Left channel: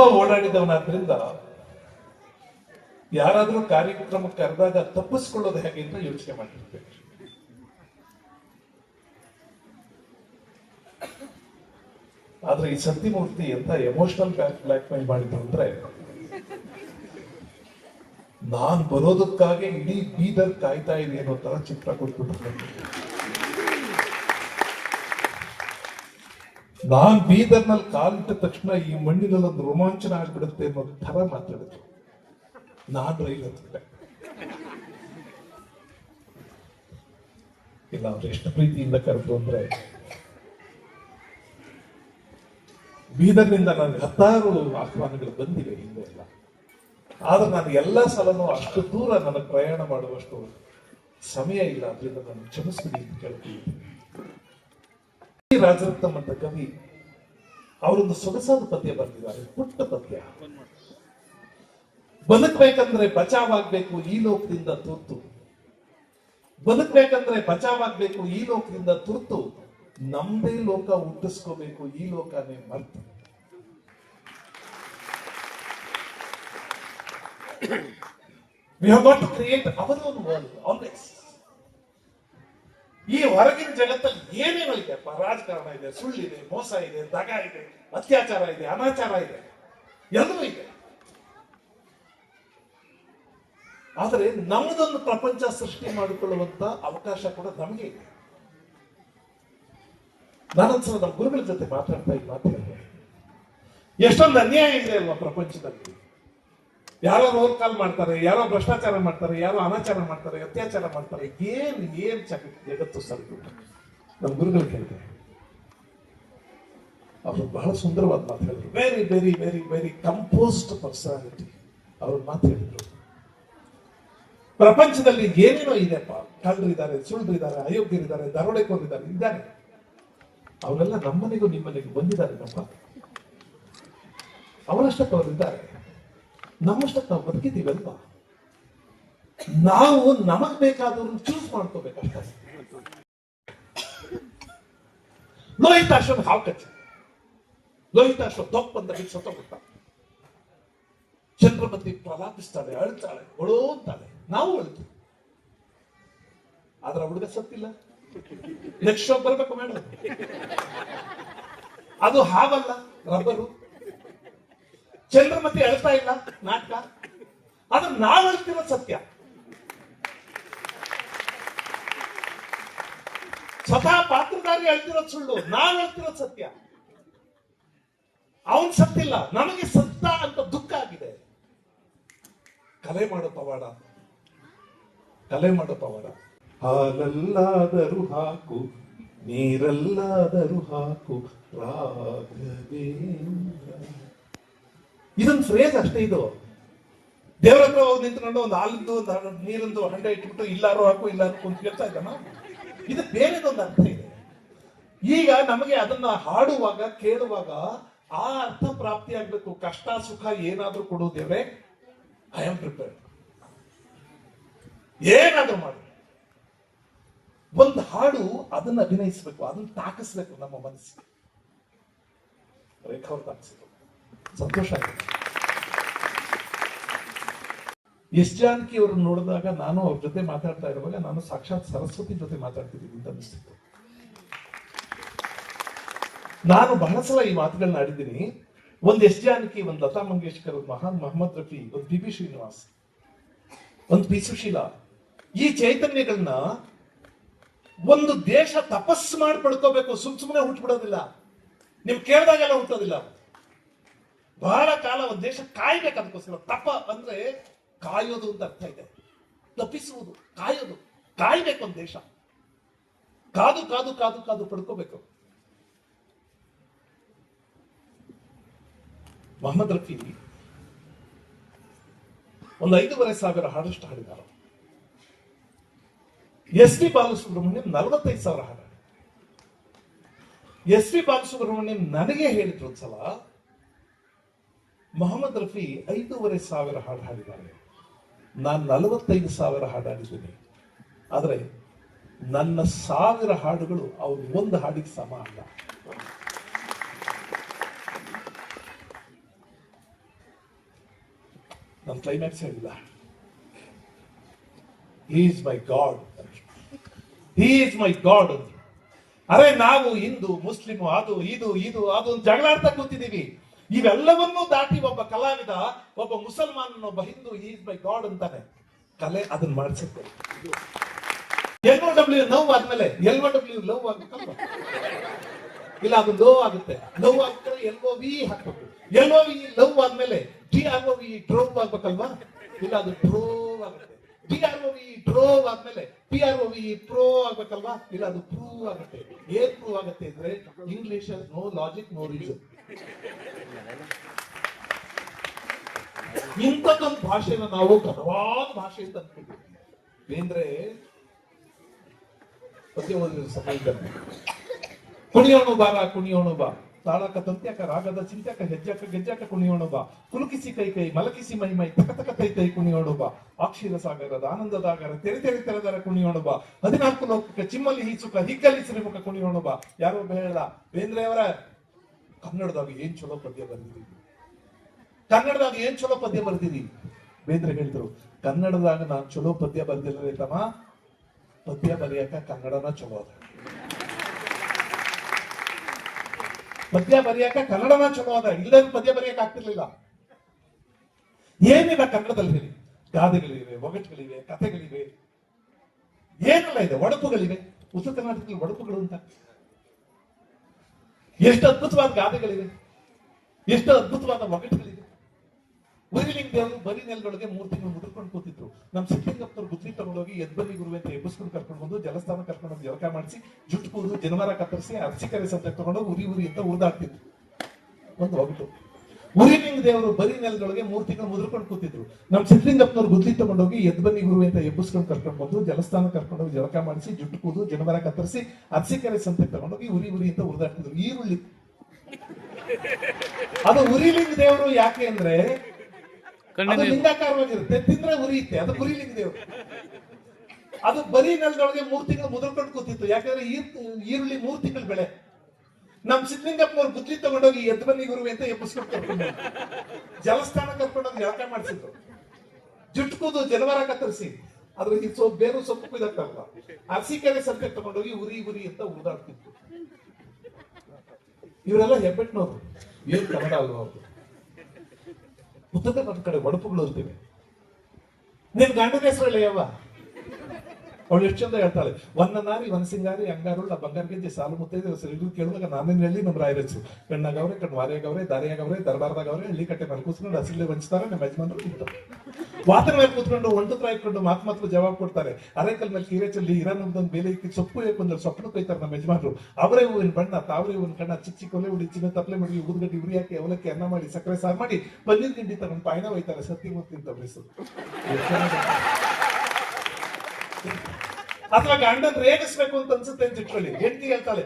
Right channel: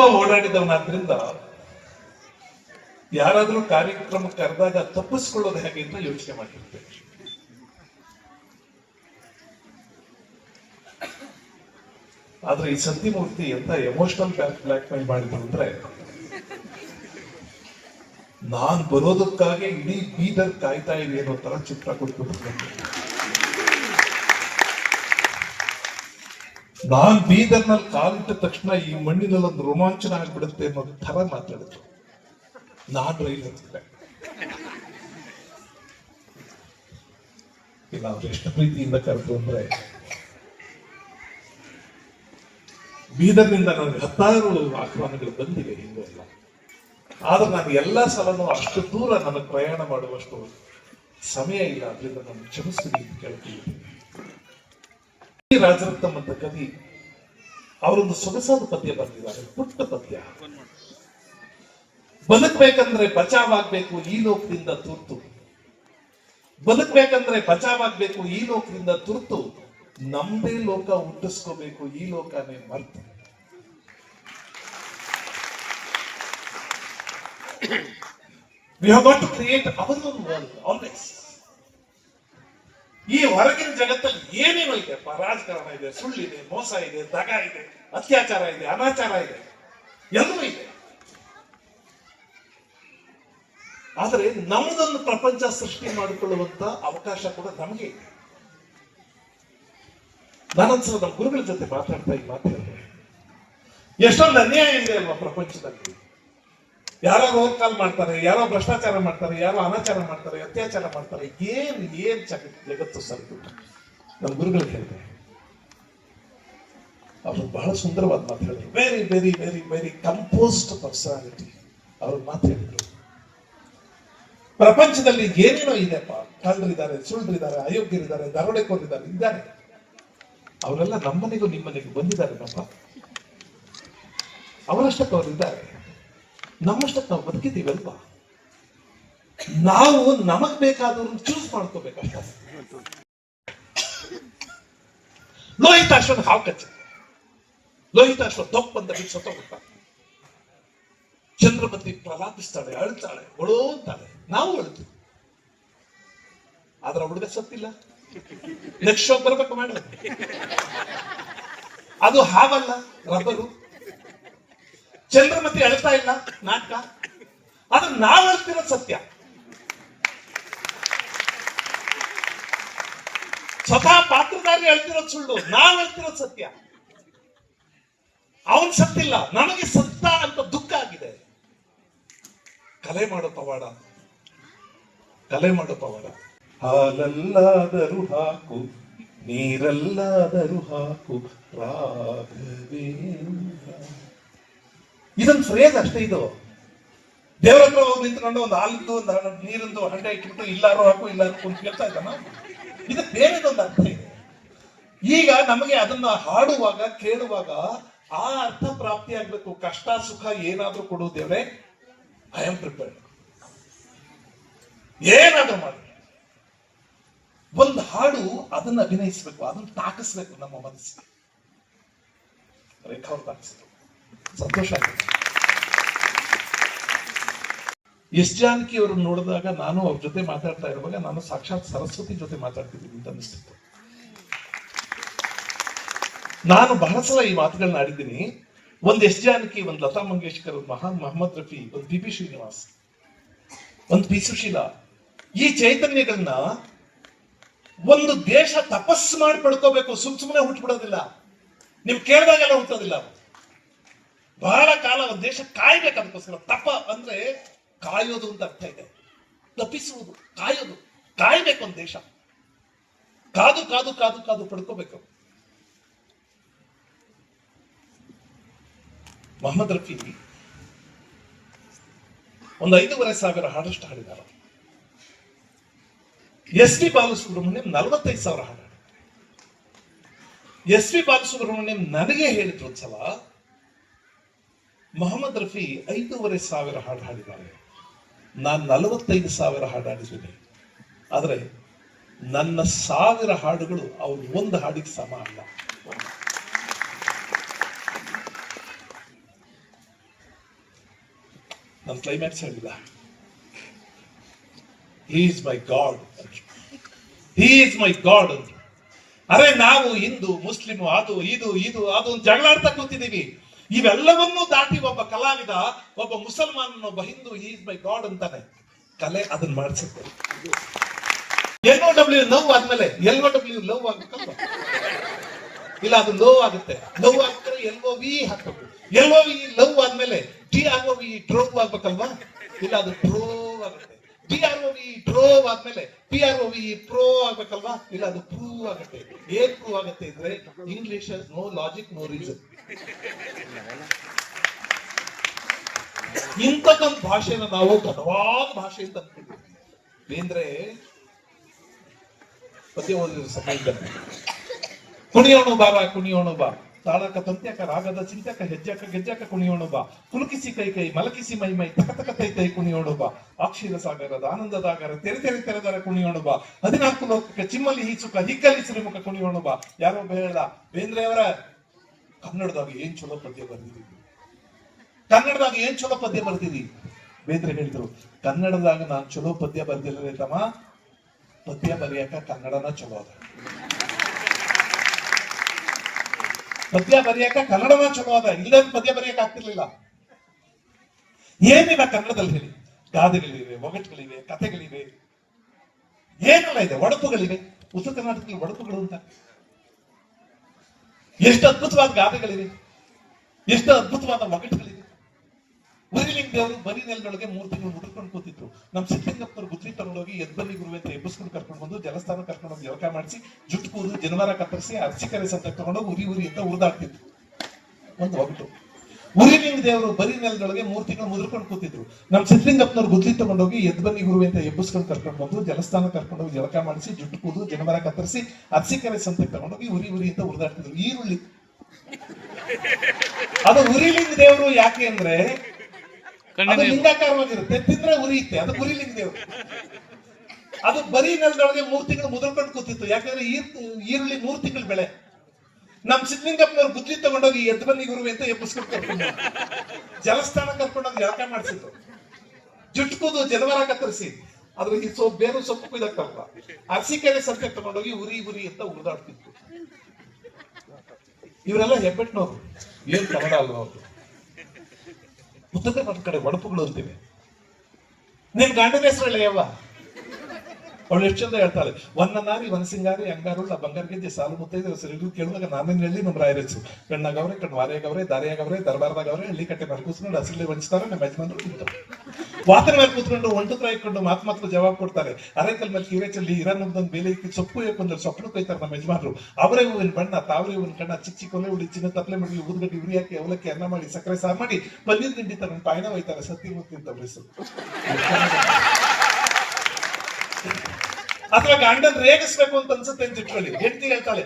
ತುಂಬಾ ಓಡಾಡಿದವನಾದ್ರಿಂದ ಯಾರಾದ್ರೂ ಕಾರ್ಯಕ್ರಮ ಕರೆದಾಗ ತಪ್ಪಿಸ್ಕೊಳ್ಳೋದು ಹೇಗೆ ಅಂತ ಯೋಚನೆ ಮಾಡಿರ್ತೇವೆ ಆದ್ರೆ ಈ ಸತ್ಯಮೂರ್ತಿ ಎಂತ ಎಮೋಷನಲ್ ಬ್ಲಾಕ್ ಮೇಲ್ ಮಾಡಿದ್ರು ಅಂದ್ರೆ ನಾನ್ ಬರೋದಕ್ಕಾಗಿ ಇಡೀ ಬೀದರ್ ಕಾಯ್ತಾ ಇದೆ ಅನ್ನೋ ತರ ಚಿತ್ರ ಕೊಟ್ಬಿಟ್ಟು ನಾನ್ ಬೀದರ್ನಲ್ಲಿ ಕಾಲಿಟ್ಟ ತಕ್ಷಣ ಈ ಮಣ್ಣಿನಲ್ಲಿ ಒಂದು ರೋಮಾಂಚನ ಆಗ್ಬಿಡುತ್ತೆ ಅನ್ನೋ ತರ ಮಾತಾಡಿದ್ರು. ನಾನು ಹತ್ತಿದ್ದೆ ಇಲ್ಲ, ಅವ್ರು ಎಷ್ಟು ಪ್ರೀತಿಯಿಂದ ಕರೆದು ಅಂದ್ರೆ, ಬೀದರ್ನಿಂದ ನನಗೆ ಹತ್ತಾರು ಆಹ್ವಾನಗಳು ಬಂದಿವೆ ಹಿಂದೆ ಎಲ್ಲ. ಆದ್ರೆ ನಾನು ಎಲ್ಲ ಸಲನೂ ಅಷ್ಟು ದೂರ ನನಗೆ ಪ್ರಯಾಣ ಮಾಡುವಷ್ಟು ಸಮಯ ಇಲ್ಲ. ಅದರಿಂದ ನಾನು ಕ್ಷಮಿಸ್ತೀನಿ ಅಂತ ಕೇಳ್ತೀನಿ ರಾಜರತ್ನಂ ಅಂತ ಕವಿ ಅವರೊಂದು ಸೊಗಸಾದ ಪದ್ಯ ಬರೆದಿದ್ದಾರೆ, ಪುಟ್ಟ ಪದ್ಯ. ಬದುಕ್ಬೇಕಂದ್ರೆ ಬಚಾವಾಗ್ಬೇಕು, ಈ ಲೋಕದಿಂದ ತುರ್ತು. ಬದುಕ್ಬೇಕಂದ್ರೆ ಬಚಾವಾಗ್ಬೇಕು, ಈ ಲೋಕದಿಂದ ತುರ್ತು. ನಮ್ದೇ ಲೋಕ ಹುಟ್ಟಿಸ್ಕೋಬೇಕು, ಈ ಲೋಕನೇ ಮರ್ತು. We have got to create our own world always ಈ ಹೊರಗಿನ ಜಗತ್ತಲ್ಲಿ ಏನೇನೋ ಇದೆ? ರಾಜಕಾರಣ ಇದೆ, ಸುಳ್ಳಿದೆ, ಮೋಸ ಇದೆ, ದಗ ಇದೆ, ಅತ್ಯಾಚಾರ ಇದೆ, ಅನಾಚಾರ ಇದೆ. ಎಲ್ಲೂ ಇದೆ. ಆದರೆ ನಮ್ದೊಂದು ಪ್ರಪಂಚ ಸೃಷ್ಟಿ ಮಾಡಿಕೊಳ್ಳುವಂತ ಅವಕಾಶ ಕೂಡ ನಮಗೆ ಇದೆ. ನಾನೊಂದ್ಸಲ ನಮ್ಮ ಗುರುಗಳ ಜೊತೆ ಮಾತಾಡ್ತಾ ಈ ಮಾತಾಡ್ತೇನೆ ಎಷ್ಟೊಂದು ಅನ್ಯಾಯ ಇದೆ ಅಲ್ವಾ ಪ್ರಪಂಚದಲ್ಲಿ? ಯಾರೋ ರೋಲ್ ಕಾಲ್ ಮಾಡ್ತಾರೆ, ಯಾರೋ ಭ್ರಷ್ಟಾಚಾರ ಮಾಡ್ತಾರೆ, ಯಾರೋ ಅನಾಚಾರ ಮಾಡ್ತಾರೆ, ಅತ್ಯಾಚಾರ ಮಾಡ್ತಾರೆ, ಏನ್ ಏನ್ ಚಕ ಜಗತ್ತು ನಮ್ಮ ಗುರುಗಳು ಹೇಳ್ತಾರೆ. ಅವರು ಬಹಳ ಸುಂದರವಾದ ಮಾತು ಹೇಳಿದ್ರು. Very very very very composed personality ಅವರು ಮಾತು ಹೇಳಿದ್ರು. ಪ್ರಪಂಚದಲ್ಲಿ ಏನೇನೋ ಇದೆಪ್ಪ ಕಳ್ಳರಿದ್ದಾರೆ ಸುಳ್ಳಿದ್ದಾರೆ ಅಯೋಗ್ಯರಿದ್ದಾರೆ ದರೋಡೆಕೋರಿದ್ದಾರೆ ಇದ್ದಾರೆ. ಅವರೆಲ್ಲ ನಮ್ಮನೆಗೂ ನಿಮ್ಮನೆಗೂ ಬಂದಿದ್ದಾರೆ ಪಾಪ. ಅವರಷ್ಟಕ್ಕೆ ಅವರಿದ್ದಾರೆ. ನಮ್ಮಷ್ಟಕ್ಕೆ ನಾವು ಬದುಕಿದ್ದೀವಲ್ವಾ ನಾವು ನಮಗ್ ಬೇಕಾದವ್ರನ್ನ ಚೂಸ್ ಮಾಡ್ಕೋಬೇಕಷ್ಟೇ ಲೋಹಿತಾಶ್ವನ ಹಾವು ಕಚ್ಚ ಲೋಹಿತಾಶ್ವ ದೊಪ್ಪ ಅಂತ ಬಿಟ್ಟು ಚಂದ್ರಪತಿ ಪ್ರಲಾಪಿಸ್ತಾಳೆ, ಅಳ್ತಾಳೆ ಒಳೋ ಅಂತಾಳೆ ನಾವು ಅಳ್ತು ಆದ್ರೆ ಹುಡುಗ ಸತ್ತಿಲ್ಲ ನೆಕ್ಸ್ಟ್ ಶೋ ಬರ್ಬೇಕು ಮೇಡಮ್ ಅದು ಹಾವಲ್ಲ ರಬ್ಬರು ಚಂದ್ರಮತಿ ಅಳ್ತಾ ಇಲ್ಲ? ನಾಟಕ? ಅದು ನಾವು ಅಳ್ತಿರೋ ಸತ್ಯ. ಸ್ವತಃ ಪಾತ್ರಧಾರಿ ಅಳ್ತಿರೋ ಸುಳ್ಳು, ನಾವು ಹೇಳ್ತಿರೋ ಸತ್ಯ. ಅವನ್ ಸತ್ತಿಲ್ಲ ನಮಗೆ ಸತ್ತ ಅಂತ ದುಃಖ ಆಗಿದೆ. ಕಲೆ ಮಾಡೋ ಪವಾಡ. ಕಲೆ ಮಾಡೋ ಪವಾಡ. ಹಾಲಲ್ಲಾದರೂ ಹಾಕು, ನೀರಲ್ಲಾದರೂ ಹಾಕು ರಾಘವೇಂದ್ರ ಇದೊಂದು ಫ್ರೇಸ್ ಅಷ್ಟೇ ಇದು. ದೇವರ ಹತ್ರ ಹೋಗಿ ನಿಂತ್ಕೊಂಡು ಒಂದು ಹಾಲಿದ್ದು ಒಂದು ನೀರಿಂದು ಹಂಡ ಇಟ್ಬಿಟ್ಟು ಇಲ್ಲಾರು ಹಾಕು ಇಲ್ಲ ಅಂತ ಕೇಳ್ತಾ ಇದ್ದಾನ? ಇದು ಬೇರೆದೊಂದು ಅರ್ಥ ಇದೆ. ಈಗ ನಮಗೆ ಅದನ್ನ ಹಾಡುವಾಗ, ಕೇಳುವಾಗ ಆ ಅರ್ಥ ಪ್ರಾಪ್ತಿ ಆಗ್ಬೇಕು. ಕಷ್ಟ, ಸುಖ ಏನಾದ್ರೂ ಕೊಡು ದೇವ್ರೆ. ಐ ಆಮ್ ಪ್ರಿಪೇರ್ಡ್ ಏನಾದ್ರೂ ಮಾಡಿ. ಒಂದು ಹಾಡು ಅದನ್ನ ಅಭಿನಯಿಸ್ಬೇಕು, ಅದನ್ನ ತಾಕಿಸ್ಬೇಕು ನಮ್ಮ ಮನಸ್ಸಿಗೆ. ರೇಖಾ ತಾಕಿಸಿದ್ರು. ಸಂತೋಷ ಆಗಿದೆ ಎಸ್ ಜಾನಕಿ ಅವರು ನೋಡಿದಾಗ ನಾನು ಅವ್ರ ಜೊತೆ ಮಾತಾಡ್ತಾ ಇರುವಾಗ ನಾನು ಸಾಕ್ಷಾತ್ ಸರಸ್ವತಿ ಜೊತೆ ಮಾತಾಡ್ತಿದ್ದೀನಿ ಅಂತ ಅನಿಸ್ತಿತ್ತು ನಾನು ಬಹಳ ಸಲ ಈ ಮಾತುಗಳನ್ನ ಆಡಿದ್ದೀನಿ. ಒಂದು ಎಸ್ ಜಾನಕಿ, ಒಂದು ಲತಾ ಮಂಗೇಶ್ಕರ್ ಮಹಾನ್ ಮೊಹಮ್ಮದ್ ರಫಿ, ಒಂದು ಬಿ ಪಿ ಶ್ರೀನಿವಾಸ್, ಒಂದು ಪಿ ಸುಶೀಲಾ ಈ ಚೈತನ್ಯಗಳನ್ನ ಒಂದು ದೇಶ ತಪಸ್ಸು ಮಾಡಿ ಪಡ್ಕೋಬೇಕು, ಸುಮ್ ಸುಮ್ಮನೆ ಹುಟ್ಬಿಡೋದಿಲ್ಲ ನೀವು ಕೇಳಿದಾಗೆಲ್ಲ ಹುಟ್ಟೋದಿಲ್ಲ ಬಹಳ ಕಾಲ ಒಂದು ದೇಶ ಕಾಯ್ಬೇಕು ಅದಕ್ಕೋಸ್ಕರ. ತಪ ಅಂದ್ರೆ ಕಾಯೋದು ಅಂತ ಅರ್ಥ ಇದೆ. ತಪ್ಪಿಸುವುದು, ಕಾಯೋದು, ಕಾಯಬೇಕು ಒಂದು ದೇಶ. ಕಾದು ಕಾದು ಕಾದು ಕಾದು ಪಡ್ಕೋಬೇಕು. ಮೊಹಮ್ಮದ್ ರಫಿ ಒಂದು ಐದೂವರೆ ಸಾವಿರ ಹಾಡಷ್ಟು ಹಾಡಿದ್ದಾರೆ. ಎಸ್ ಪಿ ಬಾಲಸುಬ್ರಹ್ಮಣ್ಯಂ ನಲವತ್ತೈದು ಸಾವಿರ ಹಾಡ ಎಸ್ ಪಿ ಬಾಲಸುಬ್ರಹ್ಮಣ್ಯಂ ನನಗೆ ಹೇಳಿದ್ರು ಒಂದ್ಸಲ ಮೊಹಮ್ಮದ್ ರಫಿ ಐದೂವರೆ ಸಾವಿರ ಹಾಡು ಹಾಡಿದ್ದಾರೆ. ನಾನು ನಲವತ್ತೈದು ಸಾವಿರ ಹಾಡು ಹಾಡಿದ್ದೀನಿ ಆದರೆ ನನ್ನ ಸಾವಿರ ಹಾಡುಗಳು ಅವ್ರ ಒಂದು ಹಾಡಿಗೆ ಸಮ ಅಲ್ಲ. ನನ್ನ ಕ್ಲೈಮ್ಯಾಕ್ಸ್ ಹೇಳಿಲ್ಲ. Is my God is my God ಅರೆ ನಾವು ಹಿಂದೂ ಮುಸ್ಲಿಂ ಅದು, ಇದು ಇದು, ಅದು ಜಗಳಾಡ್ತಾ ಕೂತಿದೀವಿ ಇವೆಲ್ಲವನ್ನೂ ದಾಟಿ ಒಬ್ಬ ಕಲಾವಿದ, ಒಬ್ಬ ಮುಸಲ್ಮಾನ್ ಒಬ್ಬ ಹಿಂದೂ ಈಸ್ ಮೈ ಗಾಡ್ ಅಂತಾನೆ. ಕಲೆ ಅದನ್ನ ಮಾಡಿಸುತ್ತೆ. ಎಲ್ ಒ ಡಬ್ಲ್ಯೂ ಲವ್ ಆದ್ಮೇಲೆ ಎಲ್ ಒ ಡಬ್ಲ್ಯೂ ಲವ್ ಆಗುತ್ತೆ ಇಲ್ಲ, ಅದು ಲವ್ ಆಗುತ್ತೆ. ಲವ್ ಆಗಿದ್ರೆ ಎಲ್ ಒ ವಿ ಹಾಕ್ಬೇಕು. ಎಲ್ ಒ ವಿ ಲವ್ ಆದ್ಮೇಲೆ T R O V drove ಆಗ್ಬೇಕಲ್ವಾ? ಇಲ್ಲ, ಅದು ಡ್ರೋವ್ ಆಗುತ್ತೆ. T R O V drove ಆದ್ಮೇಲೆ T R O V prove ಆಗ್ಬೇಕಲ್ವಾ? ಇಲ್ಲ, ಅದು ಪ್ರೂವ್ ಆಗುತ್ತೆ. ಏನ್ ಪ್ರೂವ್ ಆಗುತ್ತೆ ಅಂದ್ರೆ English no logic no reason ಇಂಥದ್ದೊಂದು ಭಾಷೆನ ನಾವು ಗತವಾದ ಭಾಷೆ ಅಂತ ಅಂದ್ಕೊಂಡಿದ್ವಿ ಬೇಂದ್ರೆ, ಪದ್ಯ ಓದಿದ ಸಮಯದಲ್ಲಿ ಕುಣಿಯೋಣ ಬಾರ, ಕುಣಿಯೋಣ ಬಾ. ತಾಳಕ ತಂತ್ಯಕ ರಾಗದ ಚಿಂತಕ, ಹೆಜ್ಜಕ, ಗೆಜ್ಜಕ ಕುಣಿಯೋಣ ಬಾ. ಕುಲುಕಿಸಿ ಕೈ ಕೈ, ಮಲಕಿಸಿ ಮೈ ಮೈ, ತಕ ತಕ ತೈ ತೈ ಕುಣಿಯೋಣ ಬಾ. ಅಕ್ಷೀರ ಸಾಗರದ, ಆನಂದದಾಗರ, ತೆರೆ ತೆರೆ ತೆರೆದರ ಕುಣಿಯೋಣ ಬಾ. ಹದಿನಾಲ್ಕು ಲೋಕಕ್ಕೆ ಚಿಮ್ಮಲಿ ಹೀಚುಕ ಹಿಗ್ಗಲಿ ಸಿರಿಮುಖ ಕುಣಿಯೋಣ ಬಾ. ಯಾರೋ ಹೇಳ ಬೇಂದ್ರೆ ಅವರ ಕನ್ನಡದಾಗ ಏನ್ ಚಲೋ ಪದ್ಯ ಬರ್ದಿದ್ದೀವಿ ಕನ್ನಡದಾಗ ಏನ್ ಚಲೋ ಪದ್ಯ ಬರ್ದಿದಿ? ಬೇಂದ್ರೆ ಹೇಳಿದ್ರು, ಕನ್ನಡದಾಗ ನಾನ್ ಚಲೋ ಪದ್ಯ ಬರ್ದಿಲ್ಲ ತಮ್ಮ. ಪದ್ಯ ಬರೆಯಕ ಕನ್ನಡನ ಚಲೋ ಅದ. ಪದ್ಯ ಬರೆಯಕ ಕನ್ನಡನ ಚಲೋ ಅದ. ಇಲ್ಲದ ಪದ್ಯ ಬರೆಯಕ್ ಆಗ್ತಿರ್ಲಿಲ್ಲ. ಏನಿಲ್ಲ ಕನ್ನಡದಲ್ಲಿ ಹೇಳಿ. ಗಾದೆಗಳಿವೆ, ಒಗಟುಗಳಿವೆ, ಕಥೆಗಳಿವೆ. ಏನೆಲ್ಲ ಇದೆ? ಒಡಪುಗಳಿವೆ. ಉತ್ತರ ಕರ್ನಾಟಕದಲ್ಲಿ ಒಡಪುಗಳು ಅಂತ. ಎಷ್ಟು ಅದ್ಭುತವಾದ ಗಾದೆಗಳಿವೆ. ಎಷ್ಟು ಅದ್ಭುತವಾದ ಒಗಟುಗಳಿವೆ. ಉರಿಲಿಂಗ ದೇವರು ಬರಿ ನೆಲದೊಳಗೆ ಮೂರು ತಿಂಗಳು ಮುಡ್ಕೊಂಡು ಕೂತಿದ್ರು. ನಮ್ಮ ಸಿದ್ಧಲಿಂಗಪ್ಪನವ್ರು ಗುದ್ರಿ ತಗೊಂಡೋಗಿ ಎದ್ದಲ್ಲಿ ಗುರುವೆ ಅಂತ ಎಬ್ಬಿಸ್ಕೊಂಡು ಕರ್ಕೊಂಡು ಬಂದು ಜಲಸ್ಥಾನ ಕರ್ಕೊಂಡು ಹೋಗಿ ಜಳಕ ಮಾಡಿಸಿ, ಜುಟ್ಟು ಕೂರು ಜನವಾರ ಕತ್ತರಿಸಿ ಅರ್ಚಿಕರೆ ಸಂತೆ ತಗೊಂಡೋಗಿ ಉರಿ ಉರಿ ಅಂತ ಉರಿದಾಡ್ತಿದ್ರು. ಒಂದು ಒಗಟು. ಉರಿಲಿಂಗ ದೇವರು ಬರಿ ನೆಲದೊಳಗೆ ಮೂರು ತಿಂಗಳು ಮುದ್ರಕೊಂಡು ಕೂತಿದ್ರು. ನಮ್ ಸಿದ್ಧಲಿಂಗಪ್ಪನವ್ರು ಗುದ್ಲಿ ತಗೊಂಡೋಗಿ ಎದ್ಬನ್ನಿ ಗುರು ಅಂತ ಎಬ್ಬಿಸ್ಕೊಂಡು ಕರ್ಕೊಂಡು ಬಂದು ಜಲಸ್ಥಾನ ಕರ್ಕೊಂಡು ಹೋಗಿ ಜಳಕ ಮಾಡಿಸಿ ಜುಟ್ಟು ಕೂದು ಜನಮರ ಕತ್ತರಿಸಿ ಅರ್ಚಿಕರೆ ಸಂತೆ ತಗೊಂಡೋಗಿ ಉರಿ ಉರಿ ಅಂತ ಉರಿದಾಡ್ತಿದ್ರು. ಈರುಳ್ಳಿ. ಅದು ಉರಿಲಿಂಗ ದೇವರು ಯಾಕೆ ಅಂದ್ರೆ ಅದು ಲಿಂಗಾಕಾರವಾಗಿರುತ್ತೆ. ತಿಂದ್ರೆ ಉರಿಯುತ್ತೆ. ಅದು ಉರಿಲಿಂಗ ದೇವರು. ಅದು ಬರೀ ನೆಲದೊಳಗೆ ಮೂರ್ ತಿಂಗಳು ಮುದ್ರಕೊಂಡು ಕೂತಿತ್ತು. ಯಾಕಂದ್ರೆ ಈ- ಈರುಳ್ಳಿ ಮೂರ್ ತಿಂಗಳು ಬೆಳೆ. ನಮ್ ಸಿದ್ಲಿಂಗಪ್ಪನವ್ರು ಗುದ್ಲಿ ತಗೊಂಡೋಗಿ ಎದ್ದು ಬನ್ನಿ ಗುರುವೆ ಅಂತ ಎಬ್ಬಿಸ್ಕೊಂಡು. ಜಲಸ್ಥಾನ ಕರ್ಕೊಂಡೋಗಿ ಜಳಕ ಮಾಡಿಸಿದ್ರು ಜುಟ್ಟು ಕೂದು ಜನವಾರ ಕತ್ತರಿಸಿ ಅದ್ರ ಈ ಸೊಪ್ಪು, ಬೇರು ಸೊಪ್ಪು ಕುಯ್ದಾಕ್ತಾರಲ್ಲ ಹಸಿಕೆರೆ ಸಂತೆ ತಗೊಂಡೋಗಿ ಉರಿ ಉರಿ ಅಂತ ಉರಿದಾಡ್ತಿತ್ತು ಇವರೆಲ್ಲ ಹೆಬ್ಬೆಟ್ನವ್ರು. ಏನ್ ಕನ್ನಡ ಅಲ್ವಾ ಅವ್ರು? ಉತ್ತರ ಕರ್ನಾಟಕ ಕಡೆ, ಒಡಪುಗಳು ಇರ್ತೀವಿ ನಿನ್ ಗಂಡನ ಹೆಸರು ಯವ್ವ? ಅವಳು ಎಷ್ಟು ಚಂದ ಹೇಳ್ತಾಳೆ ಒನ್ನ ನಾರಿ ಒನ್ ಸಿಂಗಾರಿ, ಅಂಗಾರುಳ್ಳ, ಬಂಗಾರ ಗೆಜ್ಜೆ, ಸಾಲು ಮುತ್ತೈದೆ ಹೆಸರು ಕೇಳಿದಾಗ ನಾನೇನು ಹೇಳಿ ನಮ್ಮ ರಾಯರಸು ಕಣ್ಣಾಗವ್ರೆ ಕಣ್ಣು ವಾರಿಯಾಗವ್ರೆ ದಾರಿಯಾಗವ್ರೆ ದರ್ಬಾರ್ದಾಗವ್ರೆ ಹಳ್ಳಿ ಕಟ್ಟೆ ಮಾಡಿ ಕೂತ್ಕೊಂಡು ಹಸಿಲೆ ಬಂಚ್ತಾರೆ ನಮ್ಮ ಯಜಮಾನರು ತಿಂತಾರೆ ವಾತನ ಮೇಲೆ ಕೂತ್ಕೊಂಡು ಒಂಟುತ್ರ ಇಟ್ಕೊಂಡು ಮಾತು ಮಾತ್ರ ಜವಾಬ್ ಕೊಡ್ತಾರೆ. ಅರೆಕಲ್ ಮೇಲೆ ಕೀರೆ ಚಲ್ಲಿ ಇರನ್ನೊಂದೊಂದು ಬೇಲೆ ಇಕ್ಕಿ ಸೊಪ್ಪು ಹಾಕೊಂಡ್ರೆ ಸೊಪ್ಪು ಕೊಯ್ತಾರೆ ನಮ್ಮ ಯಜಮಾನರು. ಅವರೇ ಹೂವಿನ ಬಣ್ಣ, ತಾವರೆ ಹೂವಿನ ಕಣ್ಣ, ಚಿಕ್ಕ ಚಿಕ್ಕ ಕೊಲೆ ಉಡಿ, ಚಿನ್ನ ತಪ್ಪಲೆ ಮಾಡಿ ಉದ್ಗಡ್ಡಿ ಉರಿ ಹಾಕಿ, ಅವಲಕ್ಕಿ, ಅನ್ನ ಮಾಡಿ, ಸಕ್ಕರೆ ಸಾರು ಮಾಡಿ, ಪನ್ನೀರ್ ತಿಂಡಿ ತರ ಪಾಯಣ ಹೋಯ್ತಾರೆ ಸತ್ತಿ ಮುತ್ತಿ ಅಂತ ಹೆಸರು ಅಥವಾ ಗಂಡನ್ ರೇಗಿಸ್ಬೇಕು ಅಂತ ಅನ್ಸುತ್ತೆ ಅಂತ ಇಟ್ಕೊಳ್ಳಿ. ಹೆಂಡತಿ ಹೇಳ್ತಾಳೆ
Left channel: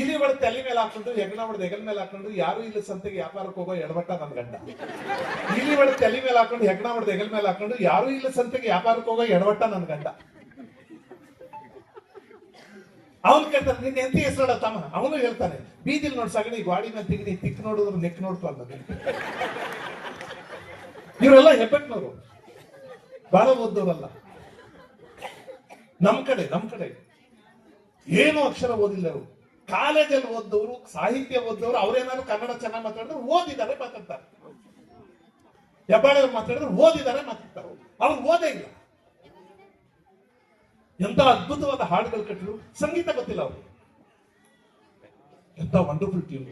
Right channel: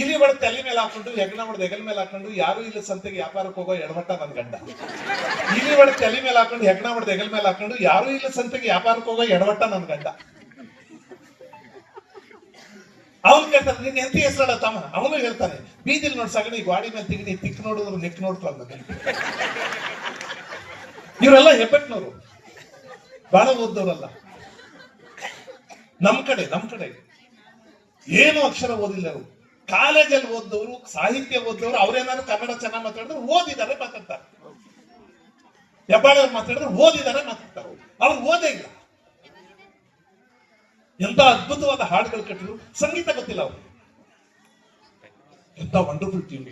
ಇಲ್ಲಿ ಬಡ ತಲೆ ಮೇಲೆ ಹಾಕೊಂಡು ಹೆಗಣ ಹೊಡೆದ ಹೆಗಲ ಮೇಲೆ ಹಾಕೊಂಡು ಯಾರು ಇಲ್ಲ ಸಂತೆಗೆ ವ್ಯಾಪಾರಕ್ಕೆ ಹೋಗೋ ಎಡವಟ್ಟ ನನ್ ಗಂಡ. ಇಲ್ಲಿ ಬಡ ತಲೆ ಮೇಲೆ ಹಾಕೊಂಡು ಹೆಗಣ ಹೊಡೆದ ಹೆಗಲ ಮೇಲೆ ಹಾಕೊಂಡು ಯಾರು ಇಲ್ಲ ಸಂತೆಗೆ ವ್ಯಾಪಾರಕ್ಕೆ ಹೋಗೋ ಎಡವಟ್ಟ ನನ್ ಗಂಡ. ಅವ್ನು ಕೇಳ್ತಾನೆ ನಿನ್ನ ಎಂತ ಹೆಸರಲ್ಲ ತಮ್ಮ? ಅವನು ಹೇಳ್ತಾನೆ, ಬೀದಿಲ್ ನೋಡ್ ಸಗಣಿ ಗಾಡಿ ಮೇಲೆ ತಿಗಣಿ, ತಿಕ್ ನೋಡಿದ್ರು ನೆಕ್ ನೋಡ್ತಾರೆ ಇವರೆಲ್ಲ ಹೆಬ್ಬೆಟ್ನವರು. ಬಹಳ ಓದ್ದವರಲ್ಲ. ನಮ್ ಕಡೆ ನಮ್ ಕಡೆ. ಏನು ಅಕ್ಷರ ಓದಿಲ್ಲ ಅವರು. ಕಾಲೇಜಲ್ಲಿ ಓದಿದವರು, ಸಾಹಿತ್ಯ ಓದಿದವರು, ಅವ್ರೇನಾದ್ರು ಕನ್ನಡ ಚೆನ್ನಾಗಿ ಮಾತಾಡಿದ್ರೆ ಓದಿದ್ದಾರೆ, ಮಾತಾಡ್ತಾರೆ. ಹೆಬ್ಬಾಳವ್ರು ಮಾತಾಡಿದ್ರೆ ಓದಿದ್ದಾರೆ, ಮಾತಾಡ್ತಾರೆ. ಅವ್ರು ಓದೇ ಇಲ್ಲ. ಎಂತ ಅದ್ಭುತವಾದ ಹಾಡುಗಳು ಕಟ್ಟಿದ್ರು. ಸಂಗೀತ ಗೊತ್ತಿಲ್ಲ ಅವರು. ಎಂತ ವಂಡರ್ಫುಲ್ ಟೀಮ್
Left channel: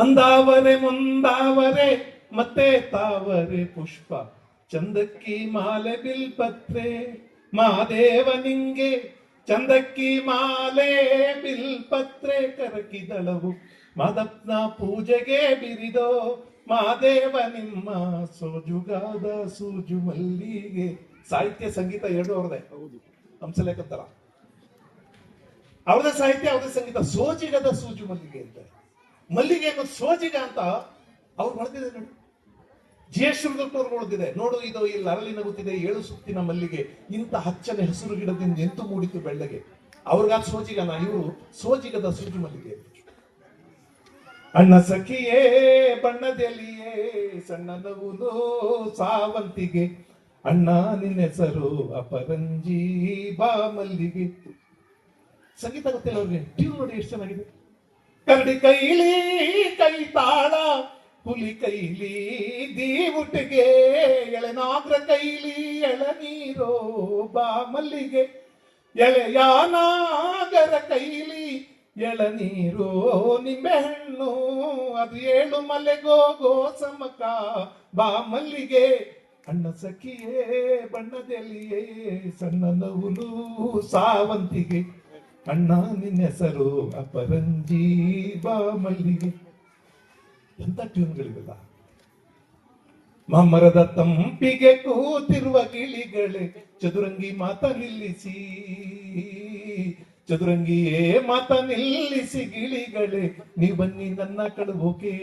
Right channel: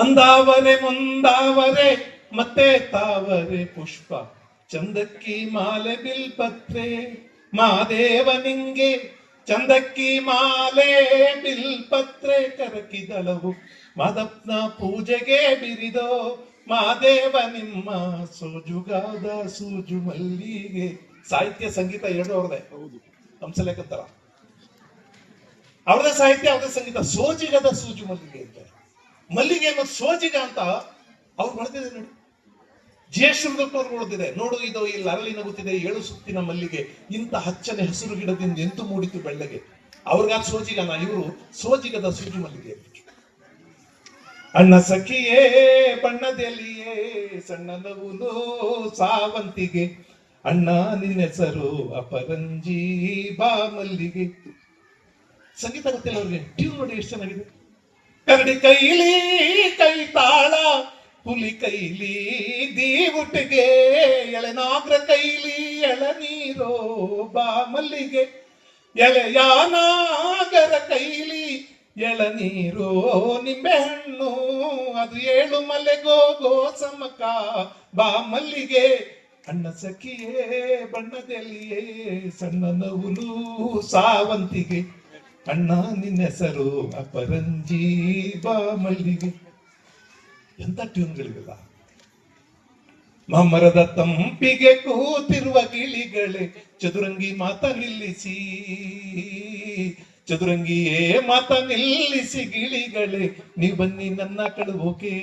ಅಂದಾವರೆ, ಮುಂದಾವರೆ, ಮತ್ತೆ ತಾವರೆ ಪುಷ್ಪ. ಚಂದಕ್ಕಿ ಮಾಲೆ ಬಿಲ್ಪತ್ರೆ. ಮಾದೇವ ನಿಂಗೆ ಚಂದಕ್ಕಿ ಮಾಲೆ ಬಿಲ್ಪತ್ರೆ ಕರಕಿದಳವು. ಮಾದಪ್ನ ಪೂಜೆಗೆ ಬಿರಿದೋ ಮಾದೇವ ನಿಮ್ಮ ಸೋಜುಗಾದ ಸೂಜು ಮಲ್ಲಿಗೆ. ಸಾಹಿತ್ಯ ಸಂಗೀತ ಎರಡು ಅವ್ರದೇ ಹಂಸಲೇಖಂತರ ಅವ್ರದೇ ಸಾಹಿತ್ಯ ಅವ್ರದೇ ಸಂಗೀತ. ಸೋಜಿಗದ ಸೂಜು ಮಲ್ಲಿಗೆ ಅಂತ. ಮಲ್ಲಿಗೆ ಮತ್ತು ಸೋಜಿಗ ಅಂತ ಅವ್ರು ಮಾಡ್ತಿದ್ದಾರೆ ನೋಡಿ. ಜಯಶ್ರೀದಪ್ಪನವ್ರು ನೋಡಿದಿದೆ ನೋಡು, ಇದು ಇಲ್ಲಿ ಅರಳಿ ನಗುತ್ತಿದೆ. ಏಳು ಸುತ್ತಿನ ಮಲ್ಲಿಗೆ. ಇಂಥ ಹಚ್ಚನೆ ಹಸಿರು ಗಿಡದಿಂದ ಎಂತು ಮೂಡಿತು ಬೆಳ್ಳಗೆ. ಅವ್ರಿಗಾಗ ಸೋಜಿಗನ ಇವರು ಸೋಜಿಗದ ಸೂಜು ಮಲ್ಲಿಗೆ. ಅಣ್ಣ ಸಖಿಯೇ ಬಣ್ಣದೆಲಿಯೇ ಸಣ್ಣ ಸಾವಂತಿಗೆ. ಅಣ್ಣ ನಿನ್ನೆಸರು ಅಪರಂಜಿ ಬಾ ಮಲ್ಲಿಗೆ. ಸಂಗೀತ ಗೊತ್ತಿಲ್ಲ ಅವ್ರಿಗೆ. ಟ್ಯೂನ್ ನೋಡಿ ಎಷ್ಟು ಚೆನ್ನಾಗಿದೆ. ಕರಡಿ ಕೈಲಿ ಕೈ ತಾಳ ಹುಲಿ ಕೈಲಿ ದೀವುಟಿಗೆ ಎಳೆನಾಗ್ರ ಕೈಲಿ ಎಳನೀರೋ ಬಾ ಮಲ್ಲಿಗೆ ಎಳೆಯಾನಾಗರ ಕೈಲಿ ಎಳನೀರು ನಿಂಬೆಹಣ್ಣು, ಅದು ಏಳು ಮಲೆಗೋ ಸಮಕ ಬಾ ಮಲ್ಲಿಗೆ ಅಣ್ಣ ಸಖಿಯೇ, ಬಣ್ಣದಲ್ಲಿಯೇ, ಸಣ್ಣ ನವುಲು ಸಾವಂತಿಗೆ. ಕಣ್ಣ ನಿನ್ನೆಸರು ಅಪರಂಜಿ ಬಾ ಮಲ್ಲಿಗೆ ಎಂತ ಟ್ಯೂನ್ಗಳಿವೆಲ್ಲ? ಮಮರದ ತಂಪಿಗೆ ಕೂತಿರುವ ಗಿಳಿಗಳೇ, ಚದುರಂಗಿ ಮಾತ ನಿಲ್ಲಿಸಿ, ಚದುರಂಗಿಯೇ ಮಾತ ನಿಲ್ಲಿಸಿ ಗಿಳಿಗಳೇ ನೀ ಬನ್ನಿ ನನ್ನ ಕಳುಬೋಕೆ